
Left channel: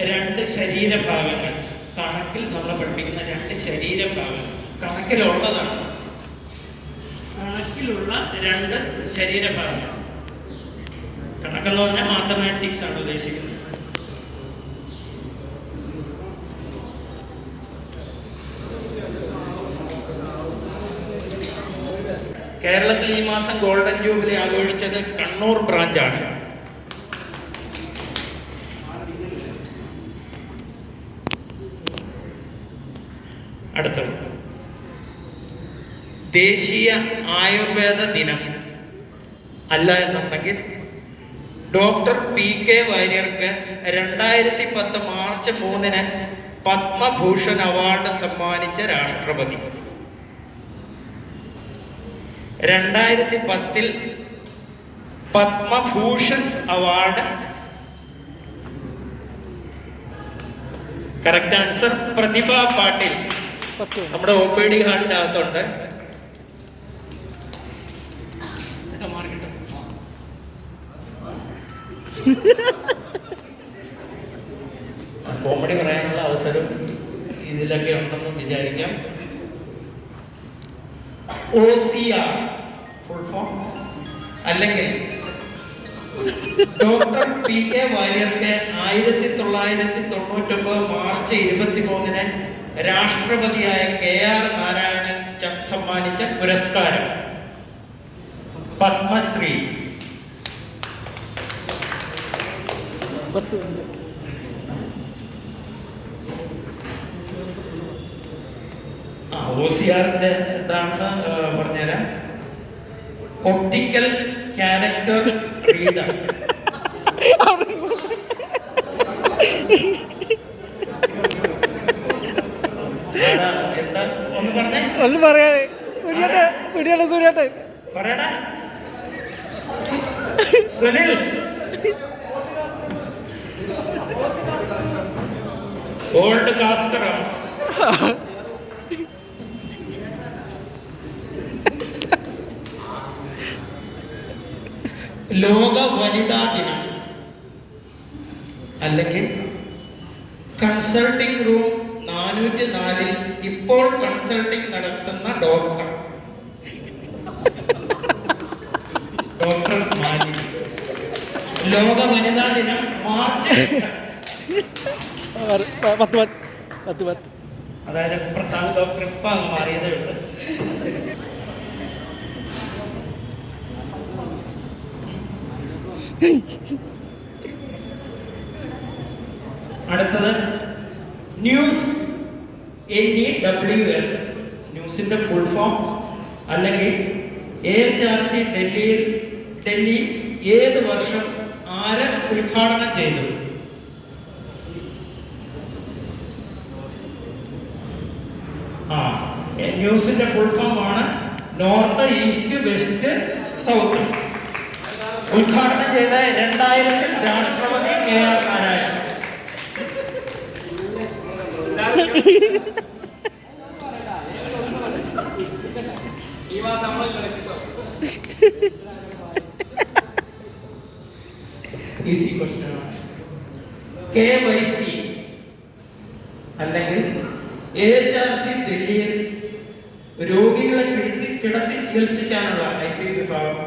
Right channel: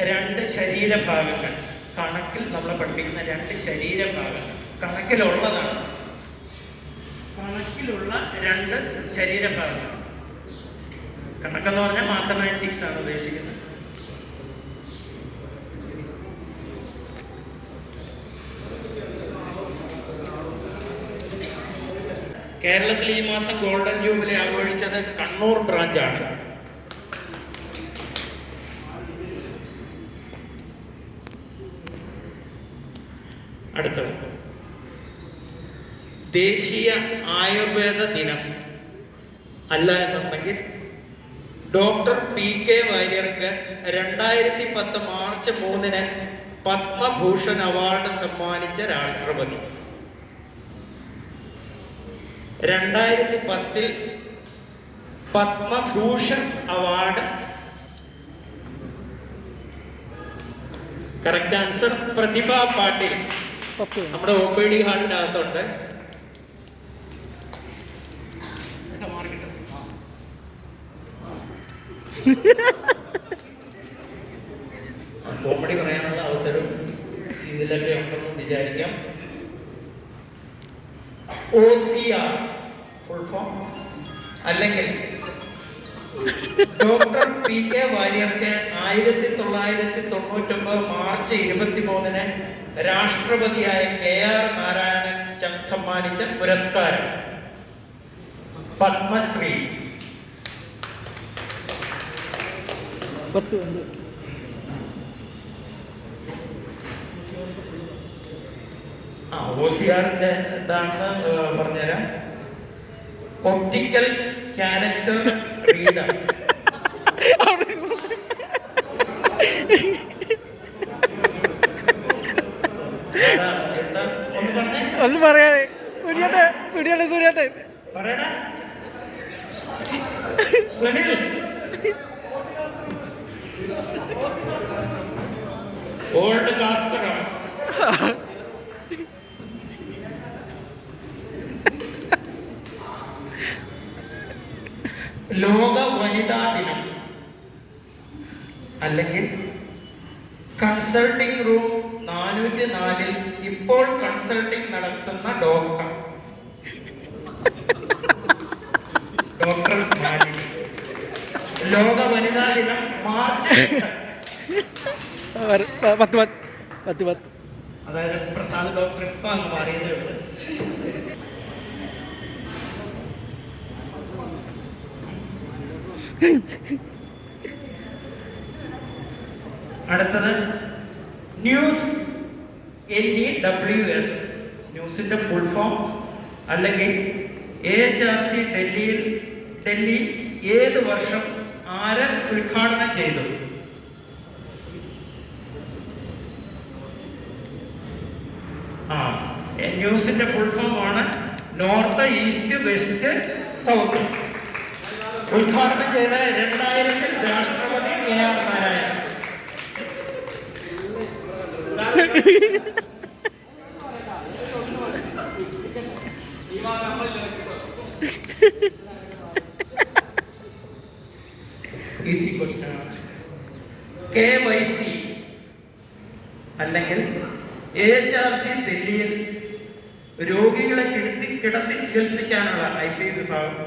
2 ശരീരഭാഗങ്ങൾ. കണക്കിൽ നമ്മൾ പഠിപ്പിക്കുന്ന 2 ശരീരഭാഗങ്ങൾ കണക്കിലുള്ളതാണ്. കണക്കിലുള്ള 2 ശരീരഭാഗങ്ങൾ. കണക്കെന്ന് പറഞ്ഞാൽ മാത്തമാറ്റിക്സ് ആണ് ഉദ്ദേശിക്കുന്നത്. കേരളത്തിൽ ഈ മാസം ഗോൾഡൻ ജൂബിലി ആഘോഷിച്ചത് കണ്ണൂർ ബ്രാഞ്ചാണ്. അടുത്തത് ദേശീയ ആയുർവേദ ദിനം അല്ല എന്നുണ്ടെങ്കിൽ doctor PK വാര്യർക്ക് 2010 March 3 Padma Bhushan award സമ്മാനിച്ച രാഷ്ട്രപതി. 2010 പത്മഭൂഷൺ അവാർഡ്. കറക്റ്റ് ആൻസർ പ്രതിഭ പാട്ടീൽ. നമ്മുടെ OPD ഹാളിന്റെ അകത്തുണ്ട്. കോമഡി പറയാനുള്ള അവസരം ഇതിലൊക്കെ ഉണ്ടെന്ന് വിചാരിക്കാം. OCR ഫുൾ ഫോം അല്ലെങ്കിൽ doctor PK വാര്യർക്ക് 1999 March 23 രാഷ്ട്രപതിയായ KR Narayanan സമ്മാനിച്ച പുരസ്കാരം പത്മശ്രീ. OCRന്റെ എന്താണെന്ന് പറഞ്ഞുതരാം. Optical character reader. ഒന്ന് പറയാനേ. സുനിയേട്ടൻ പറയടാ സുനിൽ. ഓൾഡ് കാസ്റ്ററാണ്. ലോക വനിതാ ദിനം അല്ലെങ്കിൽ കൺസൾട്ടിംഗ് റൂം 404 ഇപ്പോൾ കൺസൾട്ടിംഗ് നടത്തുന്ന ഡോക്ടർ മാലിനി. ലോക വനിതാ ദിനം മാർച്ച് 10. അതായത് പ്രസാദ് ഡോക്ടർ ഇപ്പം മാറിയതേ ഉള്ളൂ. അടുത്തത് ന്യൂസ് NEWS. ന്യൂസിന്റെ ഫുൾ ഫോം അല്ലെങ്കിൽ AHRC ഡൽഹി ഏത് വർഷം ആര് ഉദ്ഘാടനം ചെയ്തു? ന്യൂസിന്റെ ഫുൾ ഫോം ആണ് നോർത്ത്, ഈസ്റ്റ്, വെസ്റ്റ്, സൗത്ത്. ഉദ്ഘാടനം ചെയ്ത 2000-ൽ രാഷ്ട്രപതി KR നാരായണൻ. ഈസി ക്വസ്റ്റ്യൻ ആണ്. KYC അല്ലെങ്കിൽ AHRC ദില്ലിയിൽ രോഗികളെ കിടത്തി ചികിത്സിക്കാനുള്ള IT വിഭാഗം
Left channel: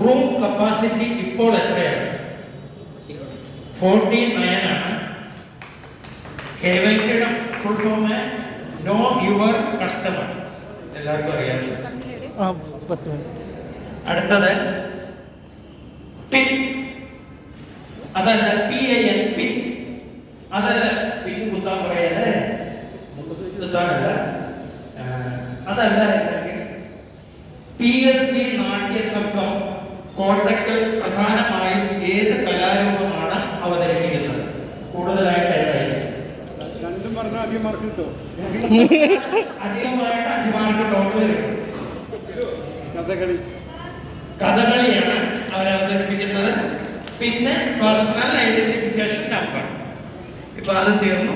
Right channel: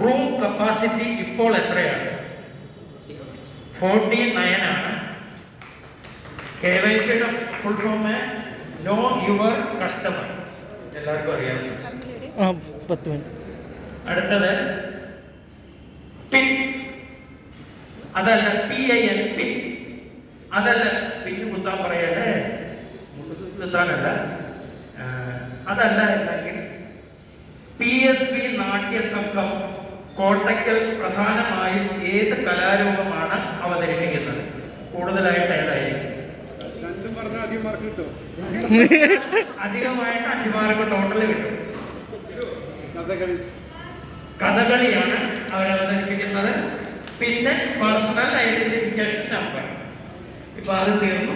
റൂം കപ്പാസിറ്റി ഇപ്പോൾ എത്രയാണ്? 49 ആണ്. KYCയുടെ full form know your customer, എല്ലാവർക്കും അറിയാം. അടുത്തത് പിൻ, അതല്ല PIN, പിൻ അതല്ല, പിന്നെ കുത്താൻ പറയല്ലേ, കുത്താനല്ല, അതല്ല എന്നെങ്കിൽ PSV നാട്യസംഘം കോട്ടക്കൽ പ്രധാനമായും ഏത് കലാരൂപമാണ് അവതരിപ്പിക്കുന്നത്? കൂടുതലായിട്ട് ഏതായിരിക്കും? രണ്ടും പറഞ്ഞാൽ അധികം മാർക്ക് കിട്ടും. അധികമായിട്ട് 5 മാർക്ക് ടോട്ടൽ കിട്ടും. കഥകളി, കഥകളിയാണ് അവർ അവതരിപ്പിക്കുന്നത്. പിന്നെ പേഴ്സണൽ ഐഡന്റിഫിക്കേഷൻ നമ്പർ. ഇപ്പൊ അത് തീർന്നു.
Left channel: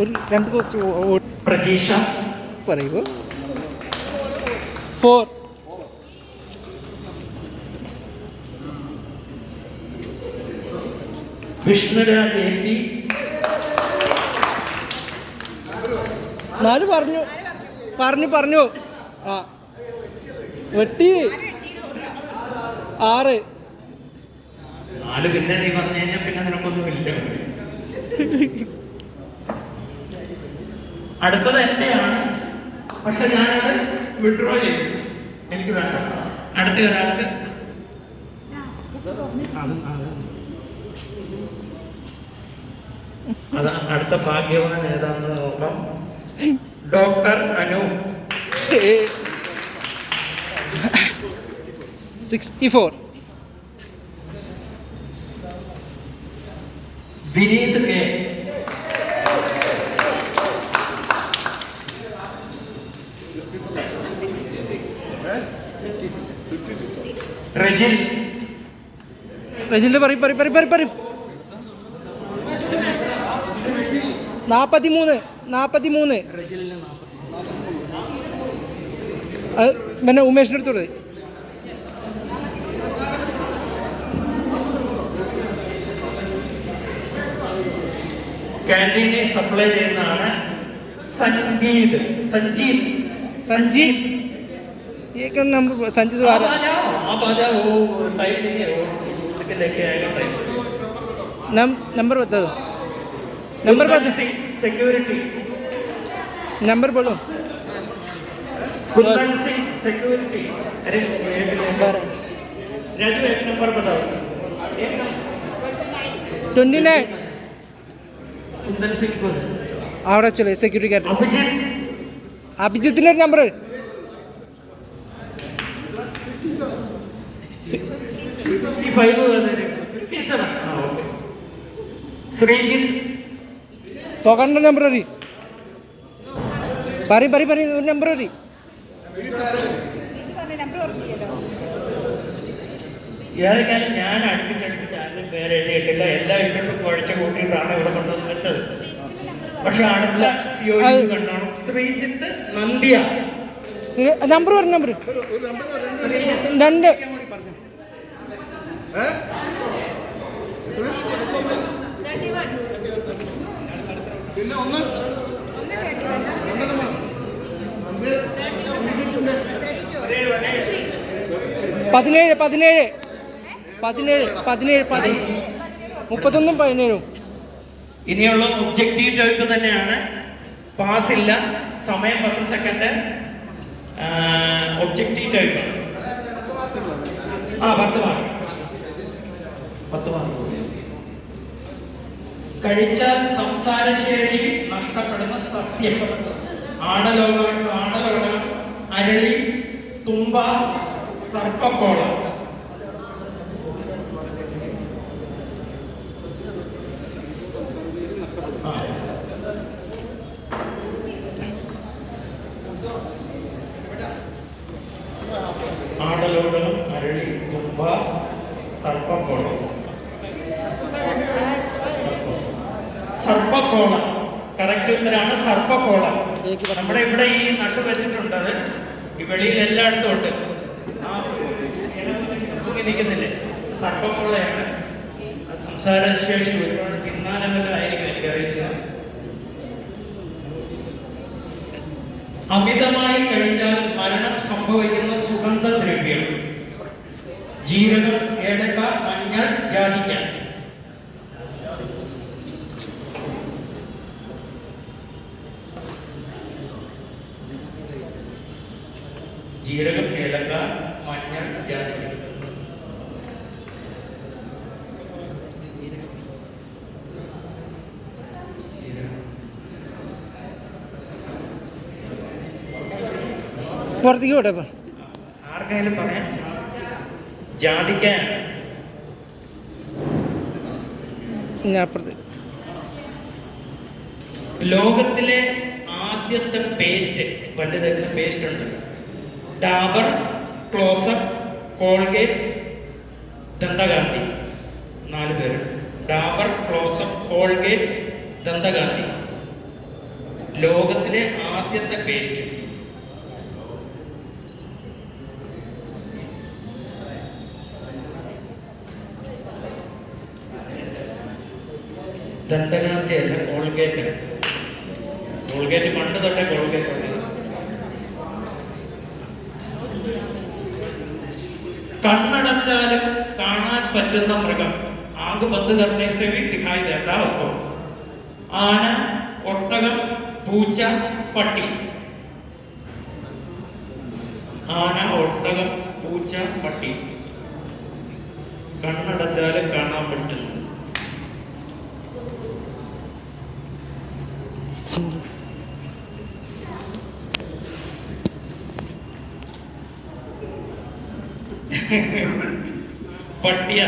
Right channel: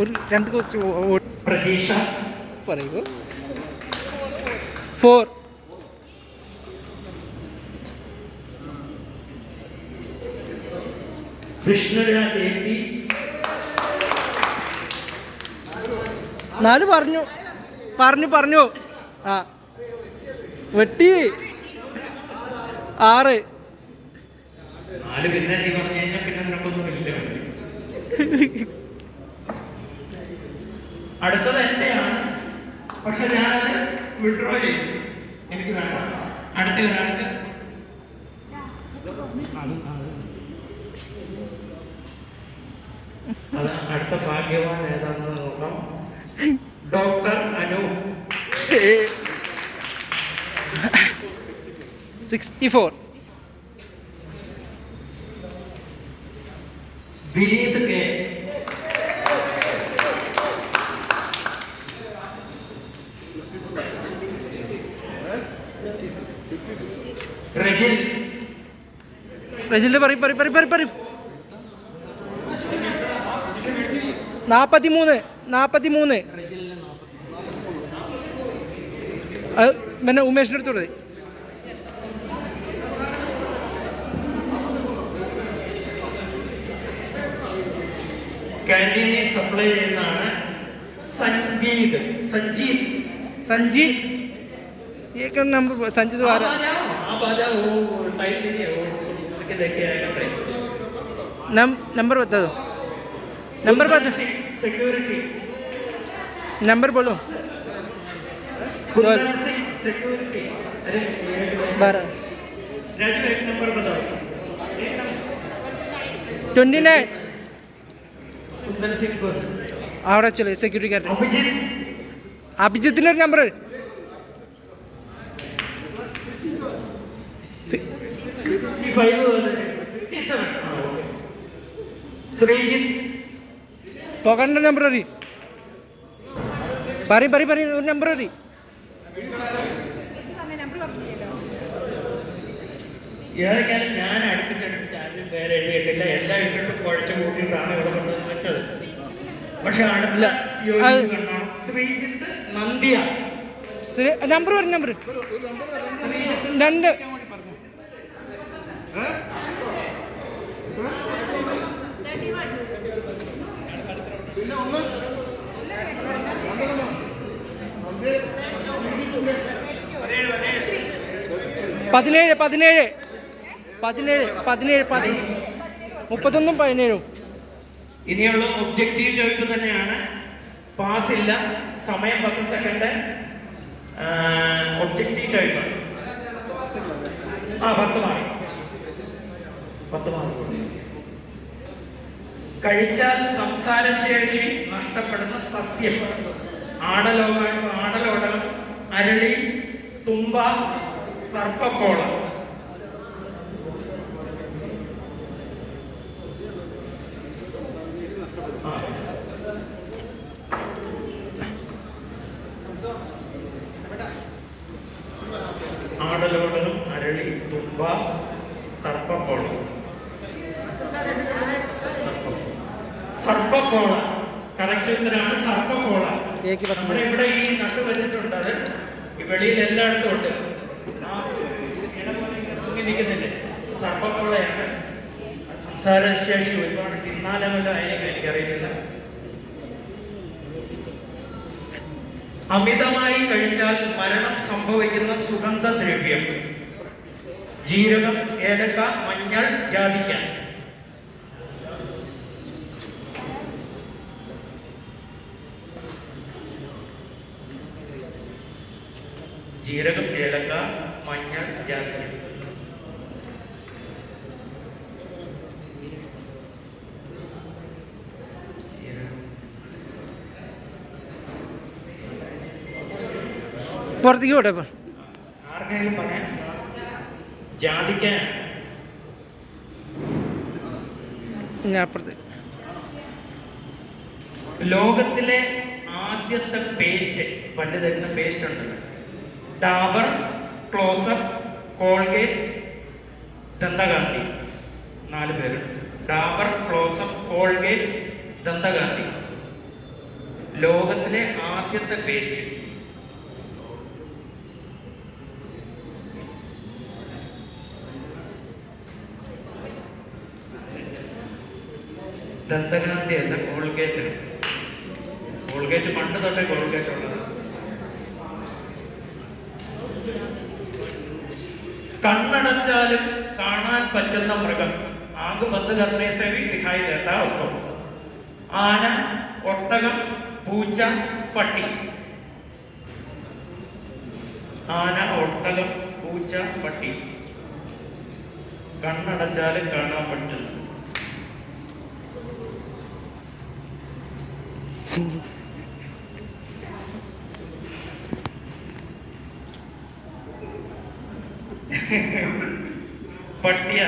ഒരു 2 ക്വസ്റ്റ്യൻ പ്രതീക്ഷ പറയൂ. 4 വിഷ്ണുരാജ് AP 4 പറഞ്ഞു. ആ വെട്ടി 6. 4. പിന്നെ നീ പറഞ്ഞു കഴിഞ്ഞാൽ പിന്നെ നിനക്കൊന്നും ഇല്ല. അടുത്തത് എന്റെയാണ്, പക്ഷെ ഞാനത് വിഡ്രോ ചെയ്തു, എനിക്ക് വേണ്ട. അടുത്ത ഒരാൾക്ക് അതാ അടുത്ത ഭാഗ്യവാൻ ഏതാണെന്ന് നോക്കാം. ഡോക്ടർ അനു 64. വിനീത് K റജിലിന്റെ പറയും 43. 43. പിന്നെ ഉമേഷിന്റെ അടുത്തോടെ ക്യാൻറ്റീനിൽ സപ്ലൈ ചെയ്യുന്നതാണ്. സഞ്ജീത് नंबर संजीत वारा नंबर बता दो. सिक्योरिटी नंबर बोलो. सिक्योरिटी. अरे 12. एक नंबर बताओ. 29. कुंदन सिंह को അവിടെ ചലേ സെക്യൂരിറ്റി ഗാർഡ് അഭിജിത്തിന്റെ ഒരു നമ്പർ 57. ശ്രീജിത്ത് പോകണ്ട നമ്പർ ഒരു പറയും ഒരു നമ്പർ ഒരു ഏതൊക്കെയാലും ഞാൻ അടുപ്പിച്ചടുപ്പിച്ച് ആരും പേര് എഴുതിയിട്ടില്ല. എല്ലാ ഇട്ടിട്ട് കുഴച്ച് കൂട്ടിയിട്ടാണ് ഇവിടെ കൊണ്ടുവന്ന് വെച്ചത്. പക്ഷെ അടുത്ത കണ്ടോണം. ശ്രീജിത്ത് നന്ദിയ നമ്പർ ഒരു നമ്പർ 2. പിന്നെ 1 17 31 17. ഇനിയുള്ള ഒബ്ജക്റ്റീവ് ചോയ്സ് തന്നെയാണ്. പാസ് ഇല്ല. സമയം 10 സെക്കൻഡ്. Objective choice 10 mark. കഴിച്ചാൽ സംസാരശേഷി നഷ്ടപ്പെടുന്ന സസ്യം. ആടലോടകം, അരളി, തുമ്പ, സർപ്പക്കോളം. സർപ്പക്കോള. കറക്റ്റ് ഉത്തരാണ് സർപ്പക്കോള. ഏക്ക് പത്ത്. നമ്മുടെ ഇവിടെ ഈ നട്ട് വെച്ചിട്ടുണ്ട്, അത് ഈ വെളിയിൽ എല്ലായിടത്തും ഉണ്ട്. ആ ഇരിക്കുന്നില്ലേ, സർപ്പക്കോളയാണ്. സംസാരശേഷി ഒരുപാട് തീരുമാനങ്ങളായിരിക്കും എനിക്കറിയില്ല. അമിതമായി കഴിച്ചാൽ മരണം സംഭവിക്കുന്ന സുഗന്ധദ്രവ്യം: ജീരകം, ഏലക്ക, മഞ്ഞൾ, ജാതിക്ക. ജീരകം, ഏലക്ക, മഞ്ഞൾ, ജാതിക്ക. പുറത്തേക്ക് വിട്ടെ ഇപ്പം. ആർക്കെങ്കിലും പറയാം? ജാതിക്ക. ഞാൻ അപ്പുറത്ത്. ലോകത്തിലെ ആദ്യത്തെ പേസ്റ്റ്, പണ്ട് തരുന്ന പേസ്റ്റ് ഉണ്ട്. Dabur, Closeup, Colgate, Dantakanti. 4 പേര്. Dabur, Closeup, Colgate, Dantakanti. ലോകത്തിലെ ആദ്യത്തെ പേസ്റ്റ്. ദന്തകാന്തി അല്ല, കോൾഗേറ്റ്. കോൾഗേറ്റ് പണ്ട് തൊട്ടേ കോൾഗേറ്റ് ഉണ്ട്. കണ്ണടച്ചാലും കാണാൻ പറ്റുന്ന മൃഗം. ആകെ 10 करने से भी दिखाई देता उसको. ആന, ഒട്ടകം, പൂച്ച, പട്ടി. ആന, ഒട്ടകം, പൂച്ച, പട്ടി. കണ്ണടച്ചാലും കാണാൻ പറ്റില്ല. പട്ടിയ.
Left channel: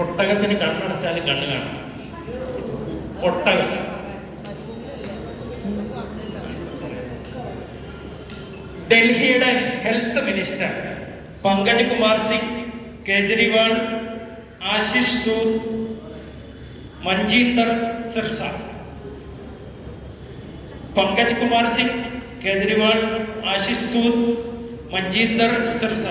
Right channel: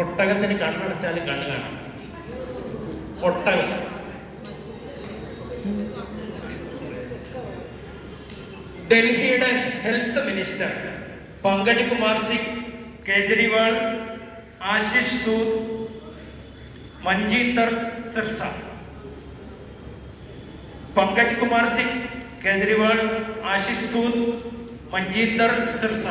ഒട്ടകത്തിന് കണ്ണടച്ചാലും കണ്ണ് കാണും. ഒട്ടകം. ഡൽഹിയുടെ ഹെൽത്ത് മിനിസ്റ്റർ പങ്കജ് കുമാർ സിംഗ്, കേജ്രിവാൾ, ആശിഷ് സൂദ്, മഞ്ജീന്ദർ സിർസ. പങ്കജ് കുമാർ സിംഗ്, കേജ്രിവാൾ, ആശിഷ് സൂദ്, മഞ്ജീന്ദർ സിർസ.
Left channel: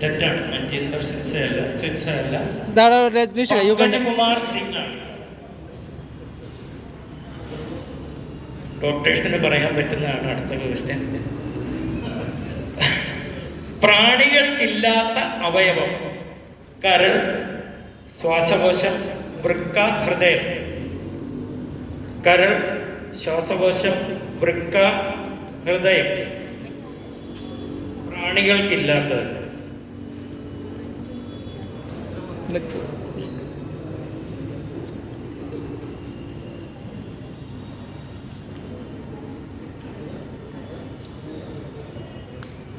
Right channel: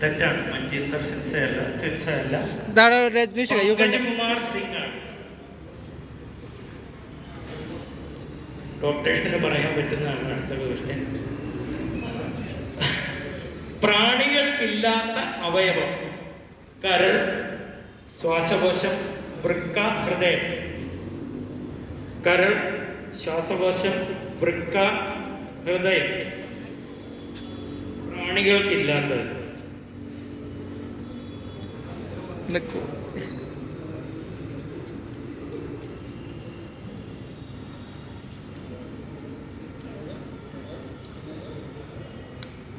തെറ്റാണ്. മഞ്ജീന്ദർ സിർസ അല്ല. പങ്കജ് കുമാർ സിംഗ് ആണ്. ഡോക്ടേഴ്സിന് പറയാൻ പറ്റുന്നതാണ് അടുത്ത ക്വസ്റ്റ്യൻ. പ്രാണികൾക്കില്ലാത്ത അവയവം: കരൾ, ശ്വാസകോശം, വൃക്ക, ഹൃദയം. കരൾ, ശ്വാസകോശം, വൃക്ക, ഹൃദയം. പ്രാണികൾക്കില്ലാത്തത്.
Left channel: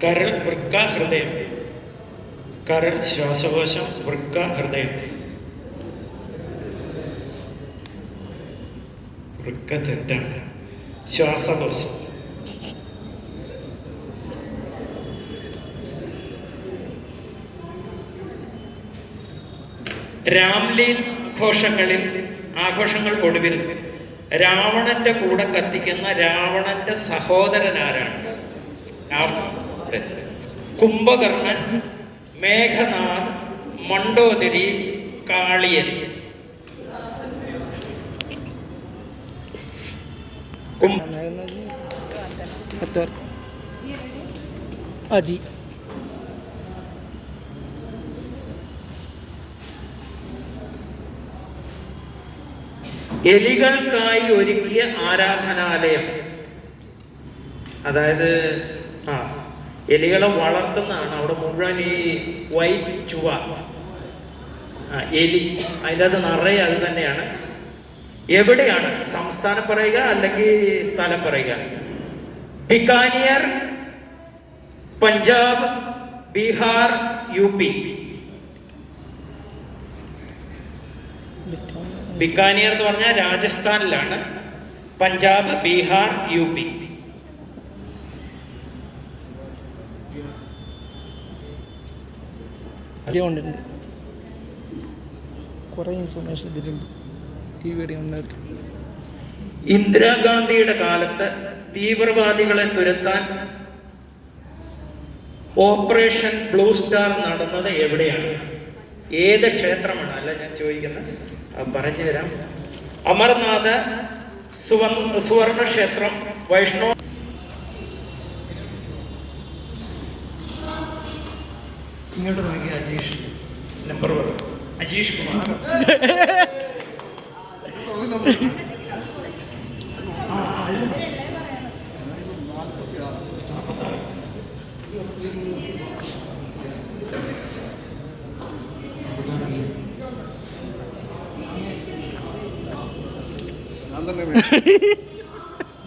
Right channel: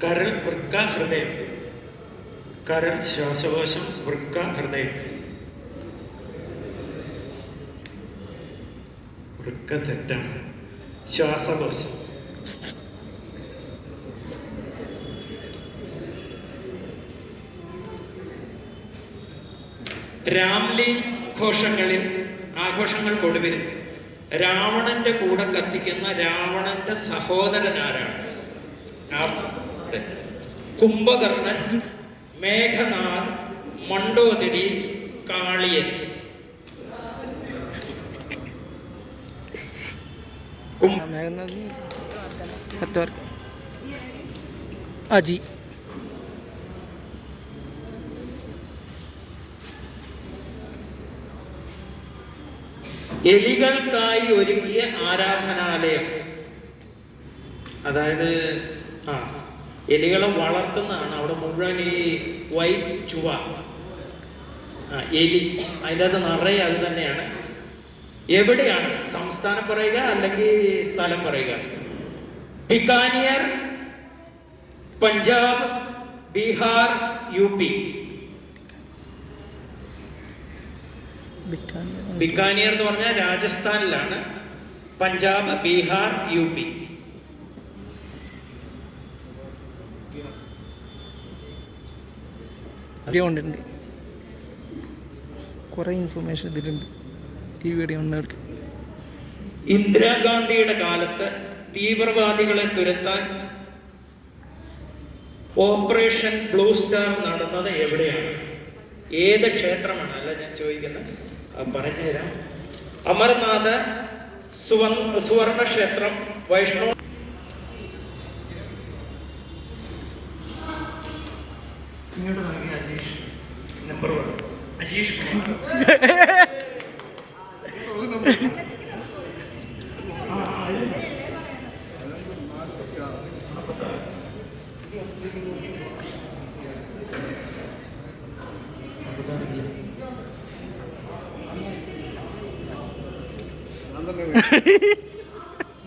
കരൾ, വൃക്ക, ഹൃദയം. കരൾ, ശ്വാസകോശം, വൃക്ക, ഹൃദയം. വൃക്ക തെറ്റാണ്. ശ്വാസകോശം. രാംലീല ആഘോഷങ്ങൾക്കൊടുവിൽ രാവണന്റെ കൂടെ കത്തിക്കുന്ന രാവണന്റെ സഹോദരൻ ആരാണ്? കുംഭകർണൻ, മേഘനാഥ്, മണ്ഡോദരി, കാളിയൻ. അജി. എലികൾക്കായി ഒരുക്കിയ ആരാധനാലയം. അതായത് എലികളെ വളർത്തുന്നതാണ്. അവിടെ മുഴുവൻ ഈ വൈറ്റ് ചുവ എലി, അതിൻ്റെ അത് നിറയെ അത് തന്നെയാണ്. എവിടെയാണ്? സംസ്ഥാനം പറയുക അല്ലെങ്കിൽ സ്ഥലം പറയുക. ബിക്കാനിയർ, പഞ്ചാബ്, ബീഹാർ, UP. ബിക്കാനിയർ എന്ന് പറഞ്ഞാൽ രാജസ്ഥാനിലാണ്. പഞ്ചാബ്, ബീഹാർ, UP. ഉണ്ട് കുറേ ഇൻഫർമേഷൻ ഇതിലുണ്ട് ഈ വീഡിയോ ഉണ്ട്. ഇന്ദിരാഗാന്ധിയുടെ കാലത്ത് തീവ്രവാദികളെ തുരത്താൻ ഓപ്പറേഷൻ ബ്ലൂ സ്റ്റാർ നടന്നത് എവിടെയാണ്? ഏത് ക്ഷേത്രമാണ്? അല്ല ഞാൻ ചോദിക്കുന്നത്, പറഞ്ഞു തരാം. അമർനാഥ്, സുവർണ ക്ഷേത്രം, വൈഷ്ണവ്. ഇങ്ങോട്ട് നോക്കി അജീഷ് നമ്പർ പറയും. അജീഷ്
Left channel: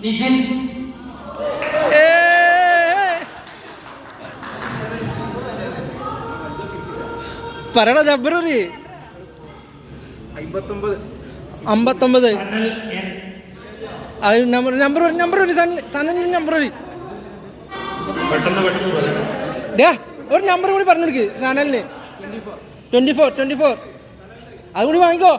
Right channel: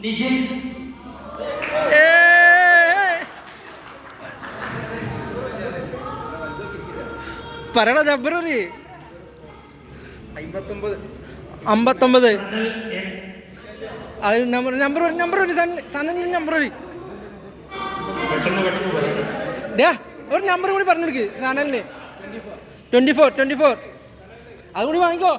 നിജിൻ. പറയടാ ജബ്ബറൂരി. 59. അത് നമ്പർ സണ്ണിന് നമ്പർ ഒരു നമ്പർ കൂടി പറഞ്ഞെടുക്ക് സനലിന്. 24 അതുകൂടി വാങ്ങിക്കോ.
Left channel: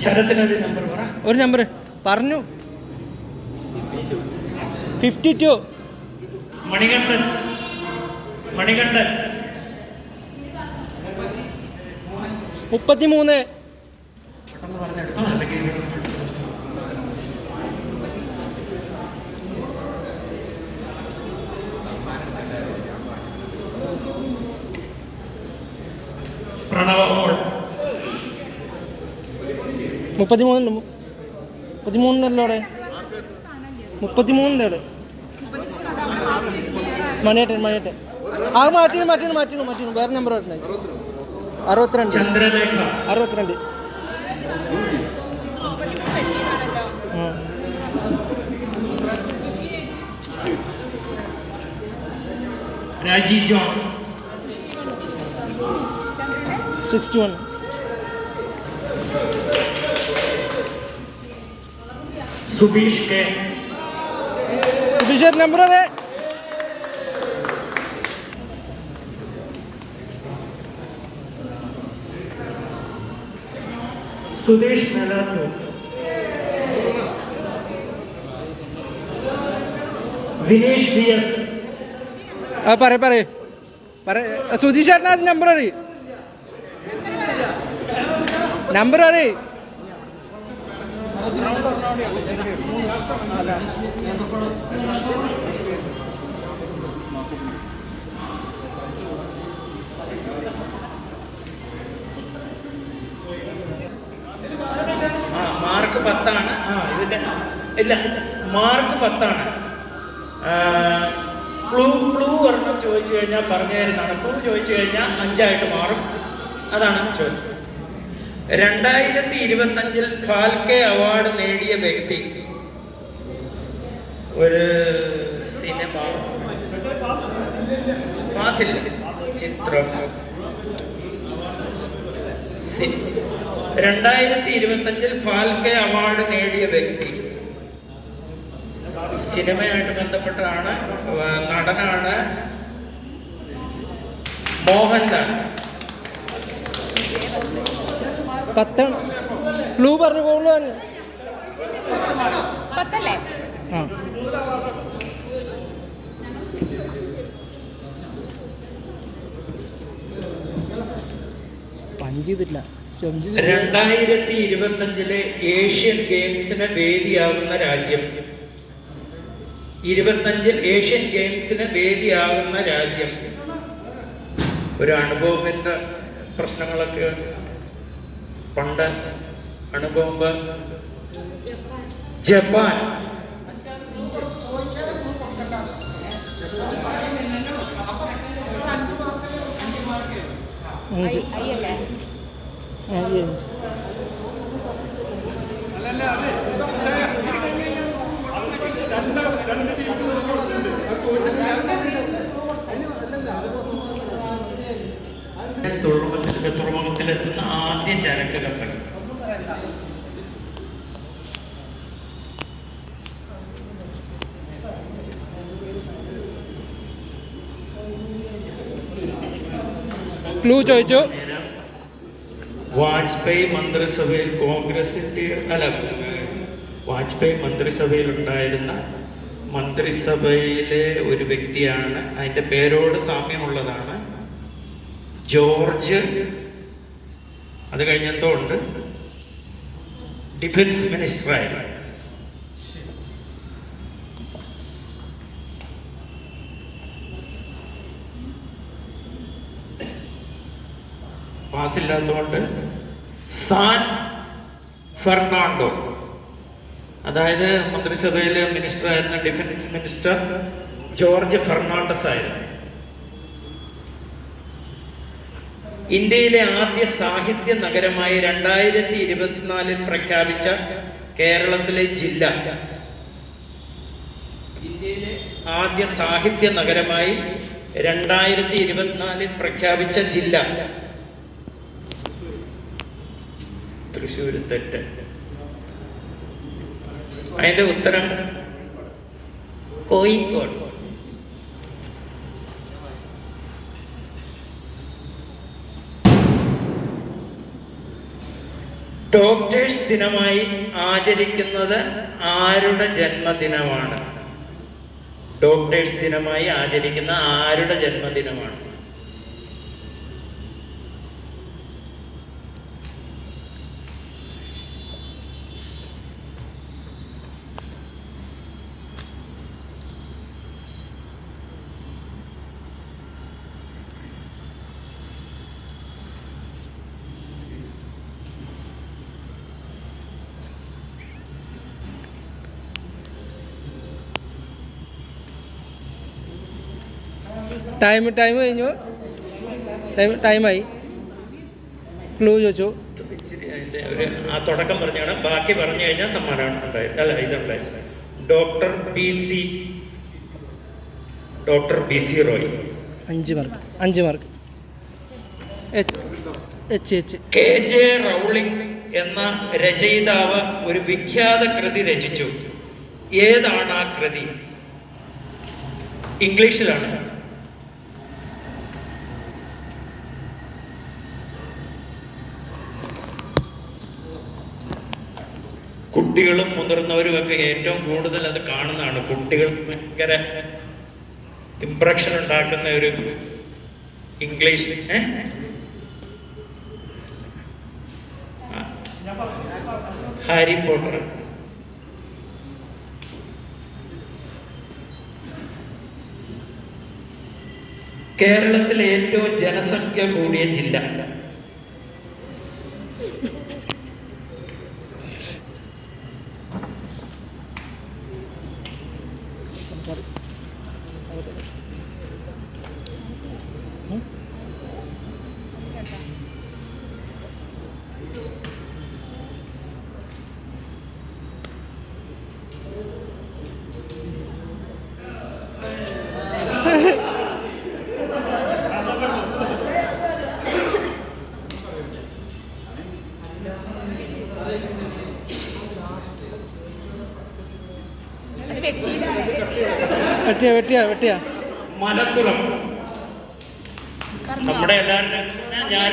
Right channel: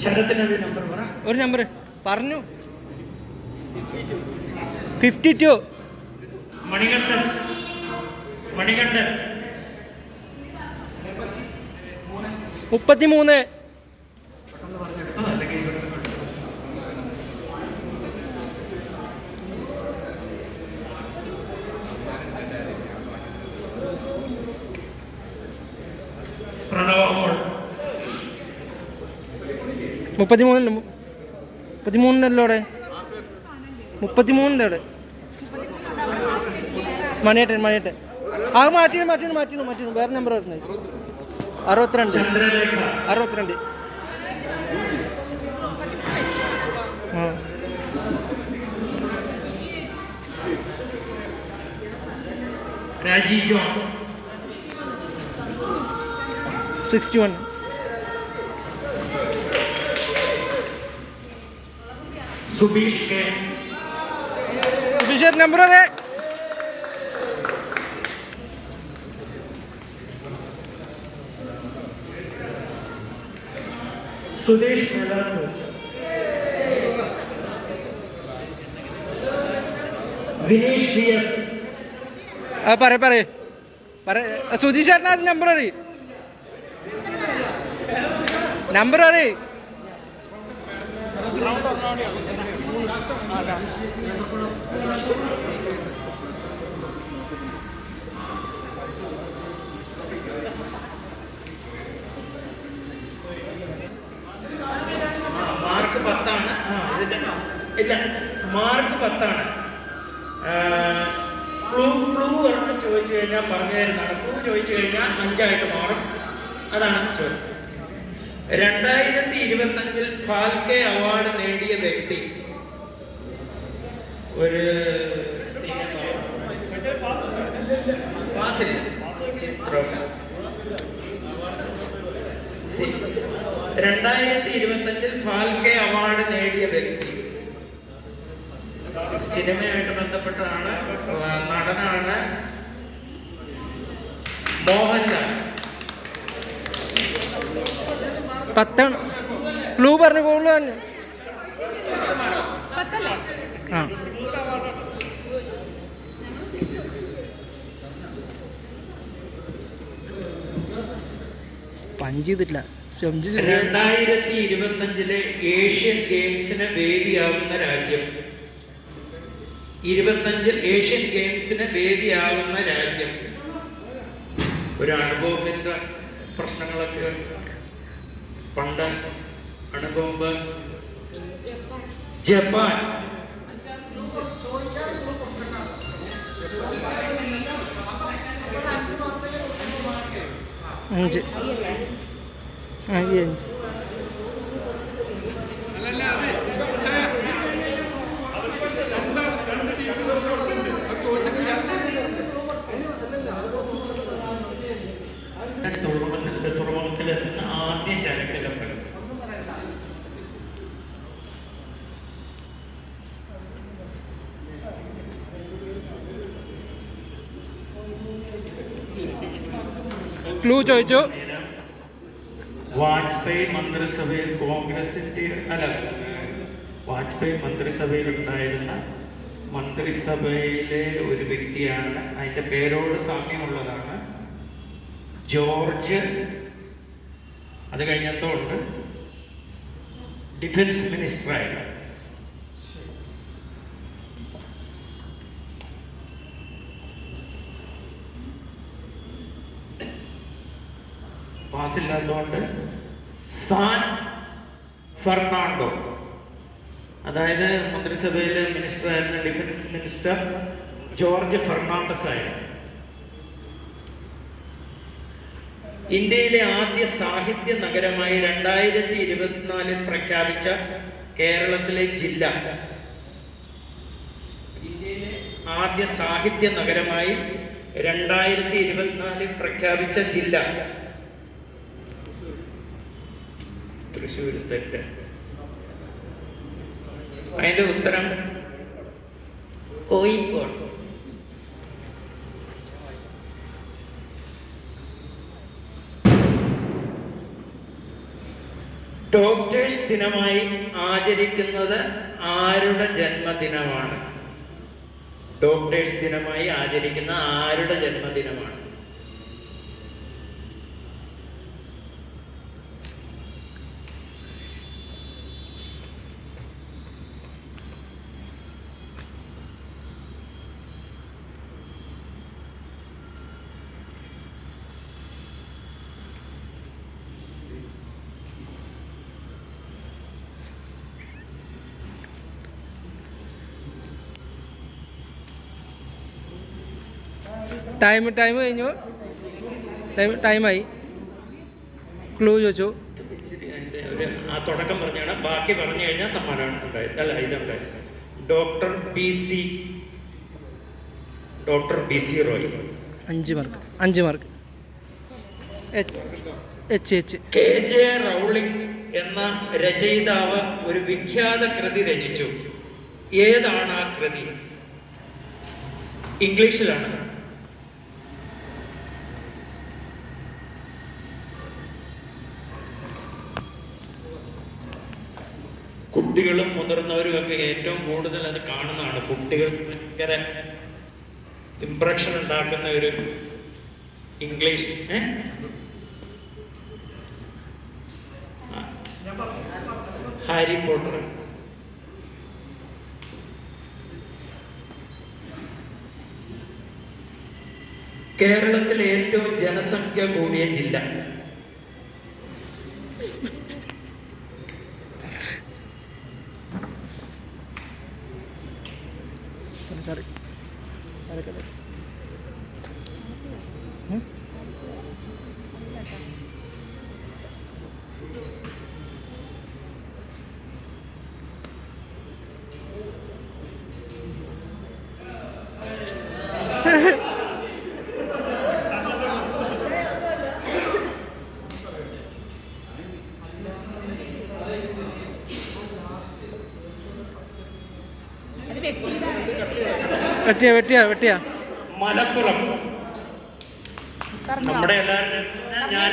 ശരത്തില്ല ഒരു നമ്പർ പറഞ്ഞു. 52. മണികണ്ഠൻ 33. പ്രണവ 33 അവിടെ 33 അവിടെ മണിയേട്ടൻ അത് മാറ്റിന് വേറെ നമ്പർ പറഞ്ഞത്. 62. ചന്ദ്രലേഖ 62. രാജി John 61. Subeesh K. Subeesh number Suresh Melattur. Vinesh DS. പറ സുധീഷ് ചേട്ടനാ നമ്പർ അറിയ മാർക്ക് 10 ഇതിന്റെ ഇല്ല, മാർക്ക് 10. ക്ലൂ പറഞ്ഞ് ചോദിച്ചു കഴിഞ്ഞാൽ പറഞ്ഞു തരുന്നതാണ്. ക്ലൂ ചോദിച്ചു കഴിഞ്ഞാൽ 5 മാറും. അതാണ് ചോദ്യം. 2025 ഫാൽക്കെ അവാർഡ് നേടിയ വ്യക്തി. ഒരു സിനിമ പാസില്ല, ചിത്രം. 2025 ഫാൽക്കെ അവാർഡ് നേടിയ വ്യക്തി. സിനിമയുമായിട്ട് ബന്ധപ്പെട്ടതാണ്, നടനാണ്. മോഹൻലാൽ. 10 ക്ലൂ പറഞ്ഞു പോകുന്നു. പഞ്ച് ചെയ്തിട്ടില്ല. 2025 ഏഷ്യൻ ഗെയിംസിന് വേദിയാകുന്ന രാജ്യം. 25 ഏഷ്യൻ ഗെയിംസിന് വേദിയാകുന്ന രാജ്യം. ഒരു അനുഭവത്തിന്റെ പ്രശ്നങ്ങളൊക്കെ പണ്ട് അനുഭവം. ജപ്പാൻ. അഞ്ച്. കേരളത്തിലെത്തുന്ന ആദ്യ ചരക്ക് കപ്പൽ. ക്ലൂ ചോദിച്ചു. വാജ്പേയി മന്ത്രിസഭയിൽ വാജ്പേയി മന്ത്രിസഭയിലുണ്ടായിരുന്ന മന്ത്രിസഭയിലെ ഒരു വ്യക്തിയാണ്. അതിൻ്റെ പേരോട് സാമ്യമുള്ളതാണ്. ജോർജ്. അത് കഴിഞ്ഞെന്തോ ഉണ്ട്. ഡിഫൻസ് മിനിസ്റ്ററായിരുന്നു. പാസില്ലാത്തതുകൊണ്ട് സാൻ ഫെർണാണ്ടോ, അതായത് മന്ത്രിസഭയിലെ മിനിസ്റ്റർ ആയിരുന്ന ഡിഫൻസ് മിനിസ്റ്റർ ജോർജ് ഫെർണാണ്ടസ് ആയിരുന്നു. ഇന്ത്യയിലെ ആദ്യ സാഹിത്യ നഗരമായി 2024 പ്രഖ്യാപിച്ച കേരളത്തിലെ ജില്ല. ഇന്ത്യയിലെ ആദ്യ സാഹിത്യ നഗരമായി 2024 പ്രഖ്യാപിച്ച ജില്ല തൃശ്ശൂർ. തെറ്റ്. അതിന്റെ ഉത്തരം കോഴിക്കോട്. ഡോക്ടേഴ്സ് ദിനമായി ആചരിക്കുന്നത് ആരുടെ ജന്മദിനമാണ്? ഡോക്ടേഴ്സ് ദിനമായി ആചരിക്കുന്ന ആരുടെ ജന്മദിനമാണ്? ടൈം കഴിഞ്ഞു. ടൈമായി. ക്ലൂ ചോദിച്ചു. ആ തുടക്കം പറഞ്ഞാണ്, ബാക്കി പറഞ്ഞു കഴിഞ്ഞാൽ സമ്മാനമാണ് ഉണ്ടായത്. അല്ല, ഇതുണ്ടായി. Doctor B C Roy. 5 mark. K J Rowling എന്ന രചയിതാവ് ഒരു വിഖ്യാത കൃതി രചിച്ചു. ഏതാണ് ആ കൃതി? ഇംഗ്ലീഷിലാണ്. കുട്ടികളും മുതിർന്നവരും ഒക്കെ ഏറ്റവും കൂടുതൽ അത് കാണുന്നതാണ്. കുട്ടികൾ ഭയങ്കര ഇംപ്രഷൻ ഉണ്ടാക്കുന്ന ഒരു ഇംഗ്ലീഷ്. Harry Potter. കേരളത്തിലെ ഏറ്റവും ജനസംഖ്യ കൂടിയ ജില്ല. വെട്ടിയാ മലപ്പുറം. നമ്മുടെ എല്ലാവരും ഞാൻ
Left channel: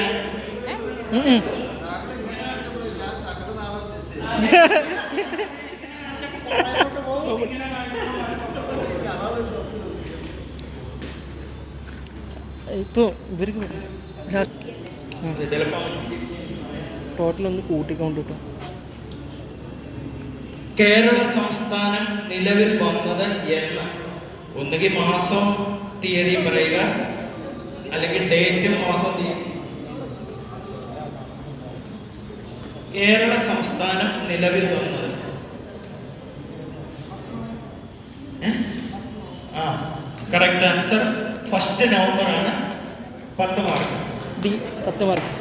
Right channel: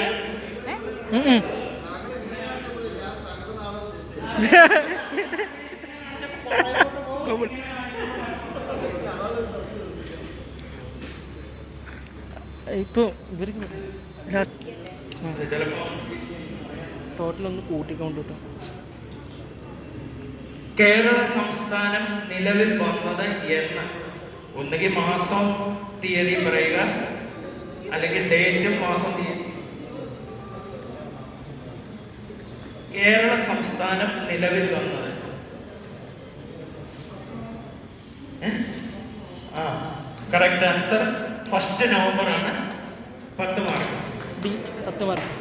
ഇപ്പൊ ഇവർക്ക് ടോട്ടൽ ഒന്ന് കൂട്ടിക്കൊണ്ട് കിട്ടും. കേരള സംസ്ഥാനം നിലവിൽ വന്നത് എന്ന് ഒന്നുകിൽ മാസം തീയതി പറയുക, അല്ലെങ്കിൽ ഡേറ്റും മാസം തീയതി. കേരള സംസ്ഥാനം നിലവിൽ വന്നത് കറക്റ്റ് ആൻസർ 1 നവംബർ ആണ്. 10 മാർക്ക്. 10 മാർക്ക്.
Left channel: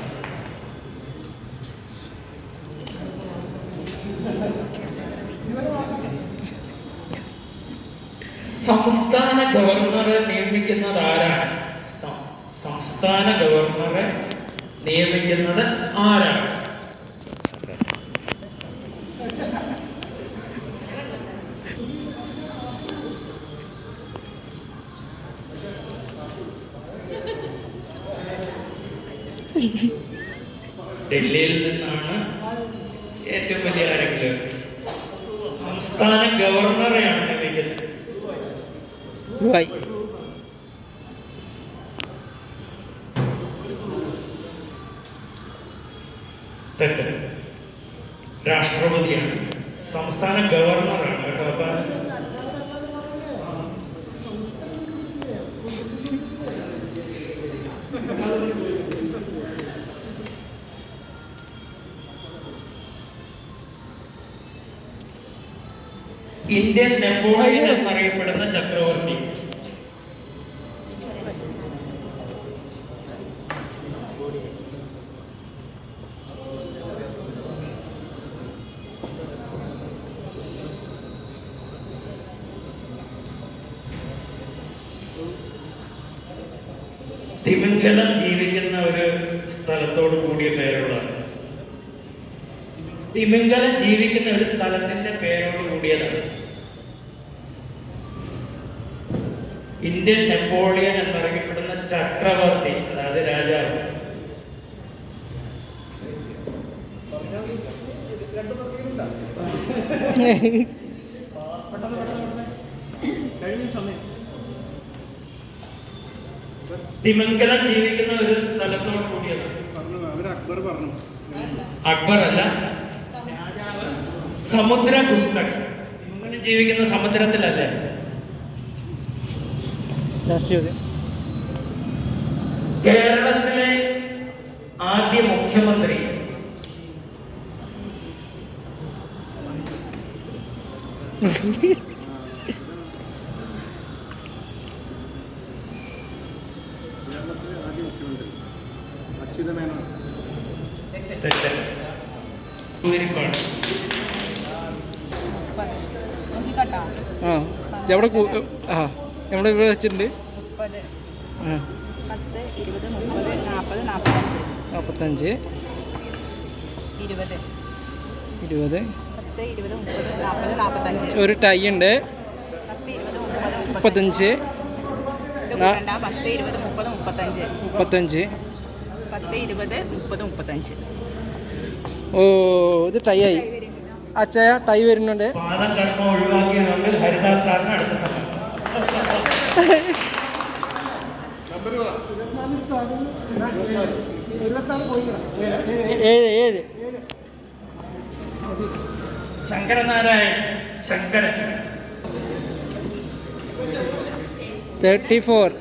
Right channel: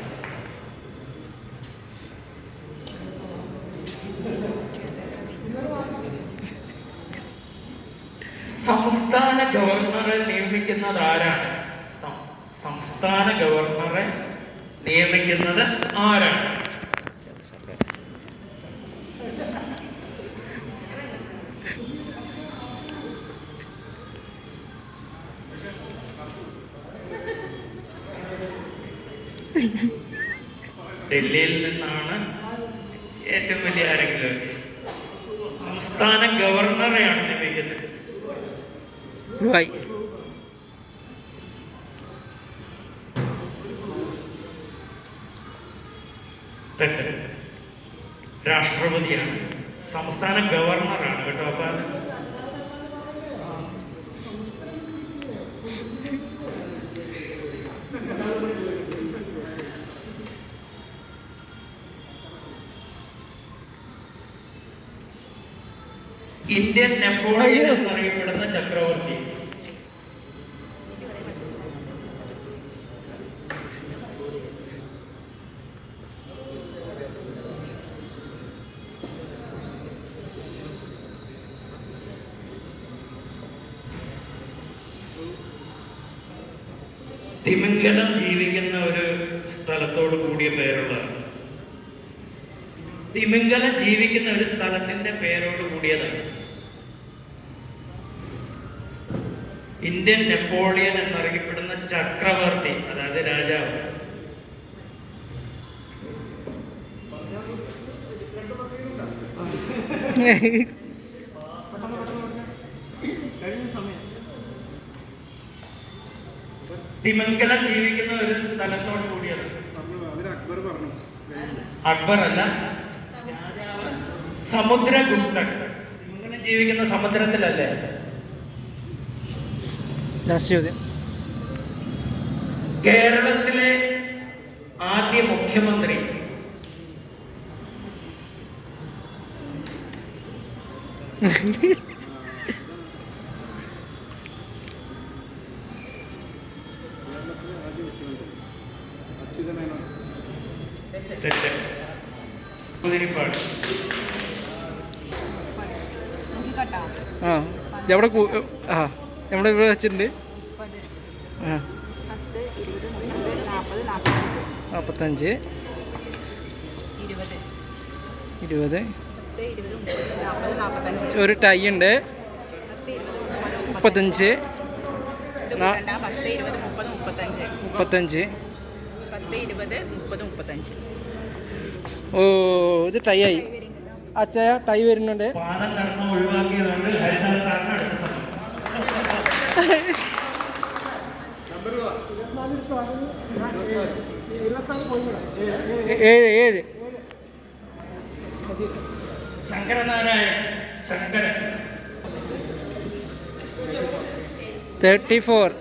സംസ്ഥാന ഗവർണറെ നിയമിക്കുന്നത് ആരാണ്? സംസ്ഥാന ഗവർണറെ നിയമിക്കുന്നത് ആരാണ്? ഡൽഹിയിൽ നിന്നാണ് ഏറ്റവും വലിയ ആരെങ്കിലും സംസ്ഥാന ഗവർണറെയാണ് നിയമിക്കുന്നത്. തെറ്റ്. രാഷ്ട്രപതിയാണ്, സംസ്ഥാന ഗവർണറാണ് കേട്ടോ. അപ്പൊ ഇന്ത്യൻ നെപ്പോളിയൻ എന്നറിയപ്പെടുന്ന ചക്രവർത്തി തിമിംഗലം ജീവിക്കുന്ന ഒരു സ്ഥലത്തോട് കൂടിയ പേരുള്ളതാണ്. തിമിംഗലം ജീവിക്കുന്ന ഒരു സ്ഥലത്തിന്റെ പേരോട് കൂടിയതാണ്. ഇന്ത്യൻ നെപ്പോളിയൻ എന്നറിയപ്പെടുന്ന ചക്രവർത്തി, അതായത് രാജാവ്. തിമിംഗലം ജീവിക്കുന്ന ഒരു സ്ഥലത്തോട് കൂടിയത്. അക്ബർ അല്ല, സമുദ്രഗുപ്തൻ. തിമിംഗലം ജീവിക്കുന്ന സമുദ്രത്തിലല്ലേ? കേരളത്തിലെ ആദ്യ മുഖ്യമന്ത്രി എവിടെ നമ്മുടെ ഇവിടെ വെച്ചിട്ടുണ്ട്. 45 20 ഒരു ടൈ ഉണ്ട്. 35 ഓ ഇത് ടൈ ആയി. അച്ഛയ ടൈ വരുന്നുണ്ട്. പാദം കർമ്മം ഒഴിവാക്കിയതുകൊണ്ട് ഹരിദാസ് സാറിന് അടുത്ത സമയം. 7 ശങ്കരനാരായൺ ശങ്കരൻ 34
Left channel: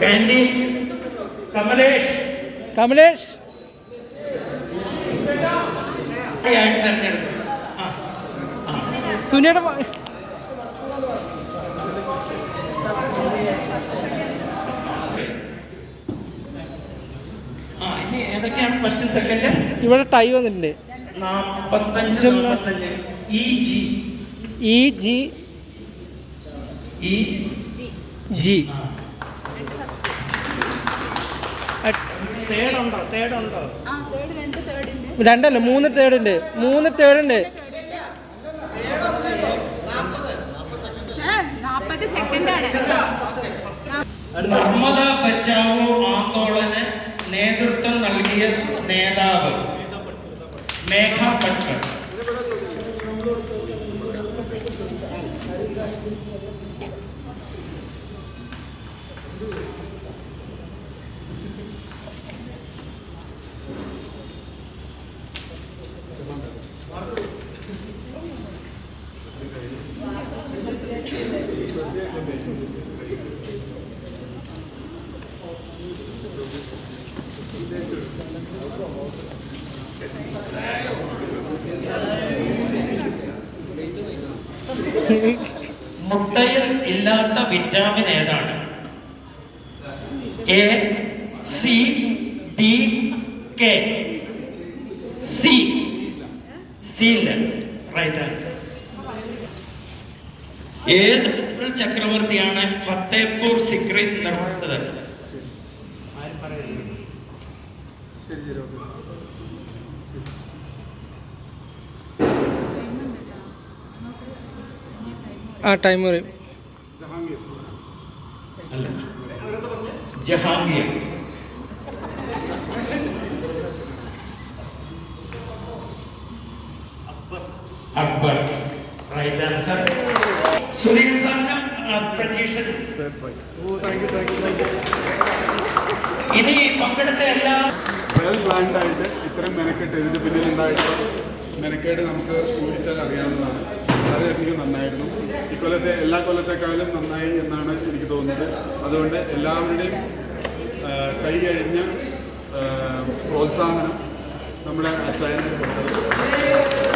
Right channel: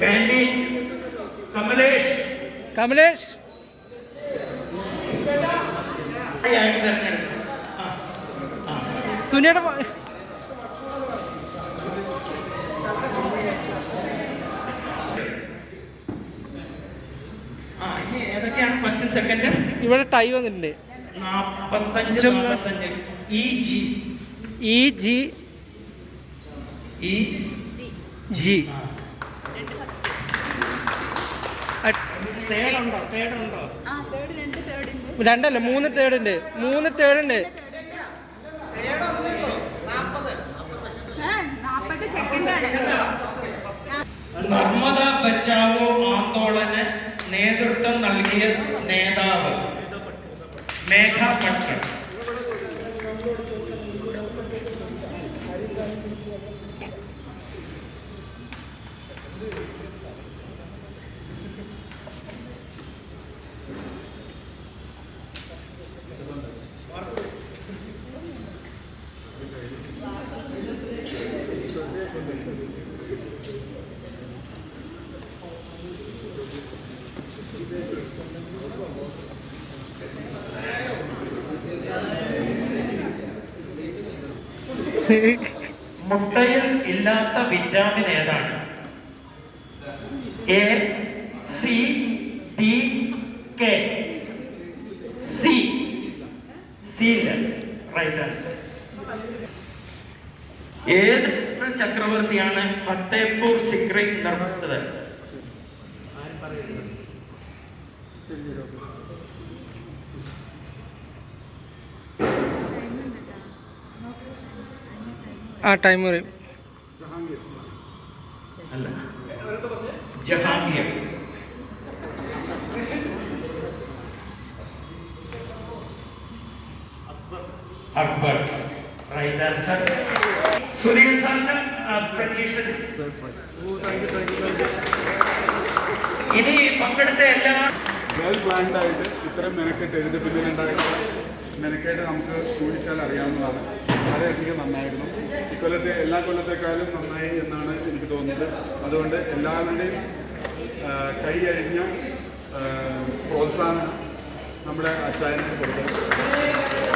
കാൻഡി കമലേഷ് സുനിയുടെ ഏതൊക്കെയാണ് ഫസ്റ്റ് സെക്കൻഡ്? ഇവിടെ ടൈ വന്നിട്ടുണ്ട്. 45 ജി രണ്ടല്ല 3 തേർഡ് ഉണ്ട്. നർമ്മദ ബച്ചാവോ ആന്തോളന് നേതൃത്വം നൽകിയ നേതാവ് മേഘ പട്ടർ. മുട്ടയിൽ ഇല്ലാത്ത വിറ്റാമിൻ ഏതാണ്? A, C, D, K. C ഇല്ല. Right answer. ഏത് ചക്രവർത്തിയാണ് ഫത്തേപൂർ സിക്രി നിർമ്മിച്ചത്? ആ ടൈം പറയും. ജഹാംഗീർ. ജഹാംഗീർ. അക്ബർ. Right answer. സുലൈം സാറിന് പ്രതീക്ഷ. ഇനി പങ്കെടുത്ത എല്ലാ വെൽ പ്ലാൻഡ് ആയിട്ട് ഇത്തരം മെനക്കെട്ട് ഇതിന് പിന്നിലുണ്ടായിട്ടുള്ള മെനക്കേട് നമുക്ക് ഊഹിച്ചാൽ അറിയാവുന്നതാണ്. വളരെയധികം നന്നായിരുന്നു. ഇക്കൊല്ലത്തെ എല്ലാ കൊല്ലത്തെക്കാളും നന്നായി എന്നാണ് എനിക്ക് തോന്നുന്നത്. അതുകൊണ്ട് എല്ലാവരുടെയും കൈ കഴിഞ്ഞ പ്രോത്സാഹനം നമ്മുടെ അച്ചായന് കൊടുക്കുന്നത്.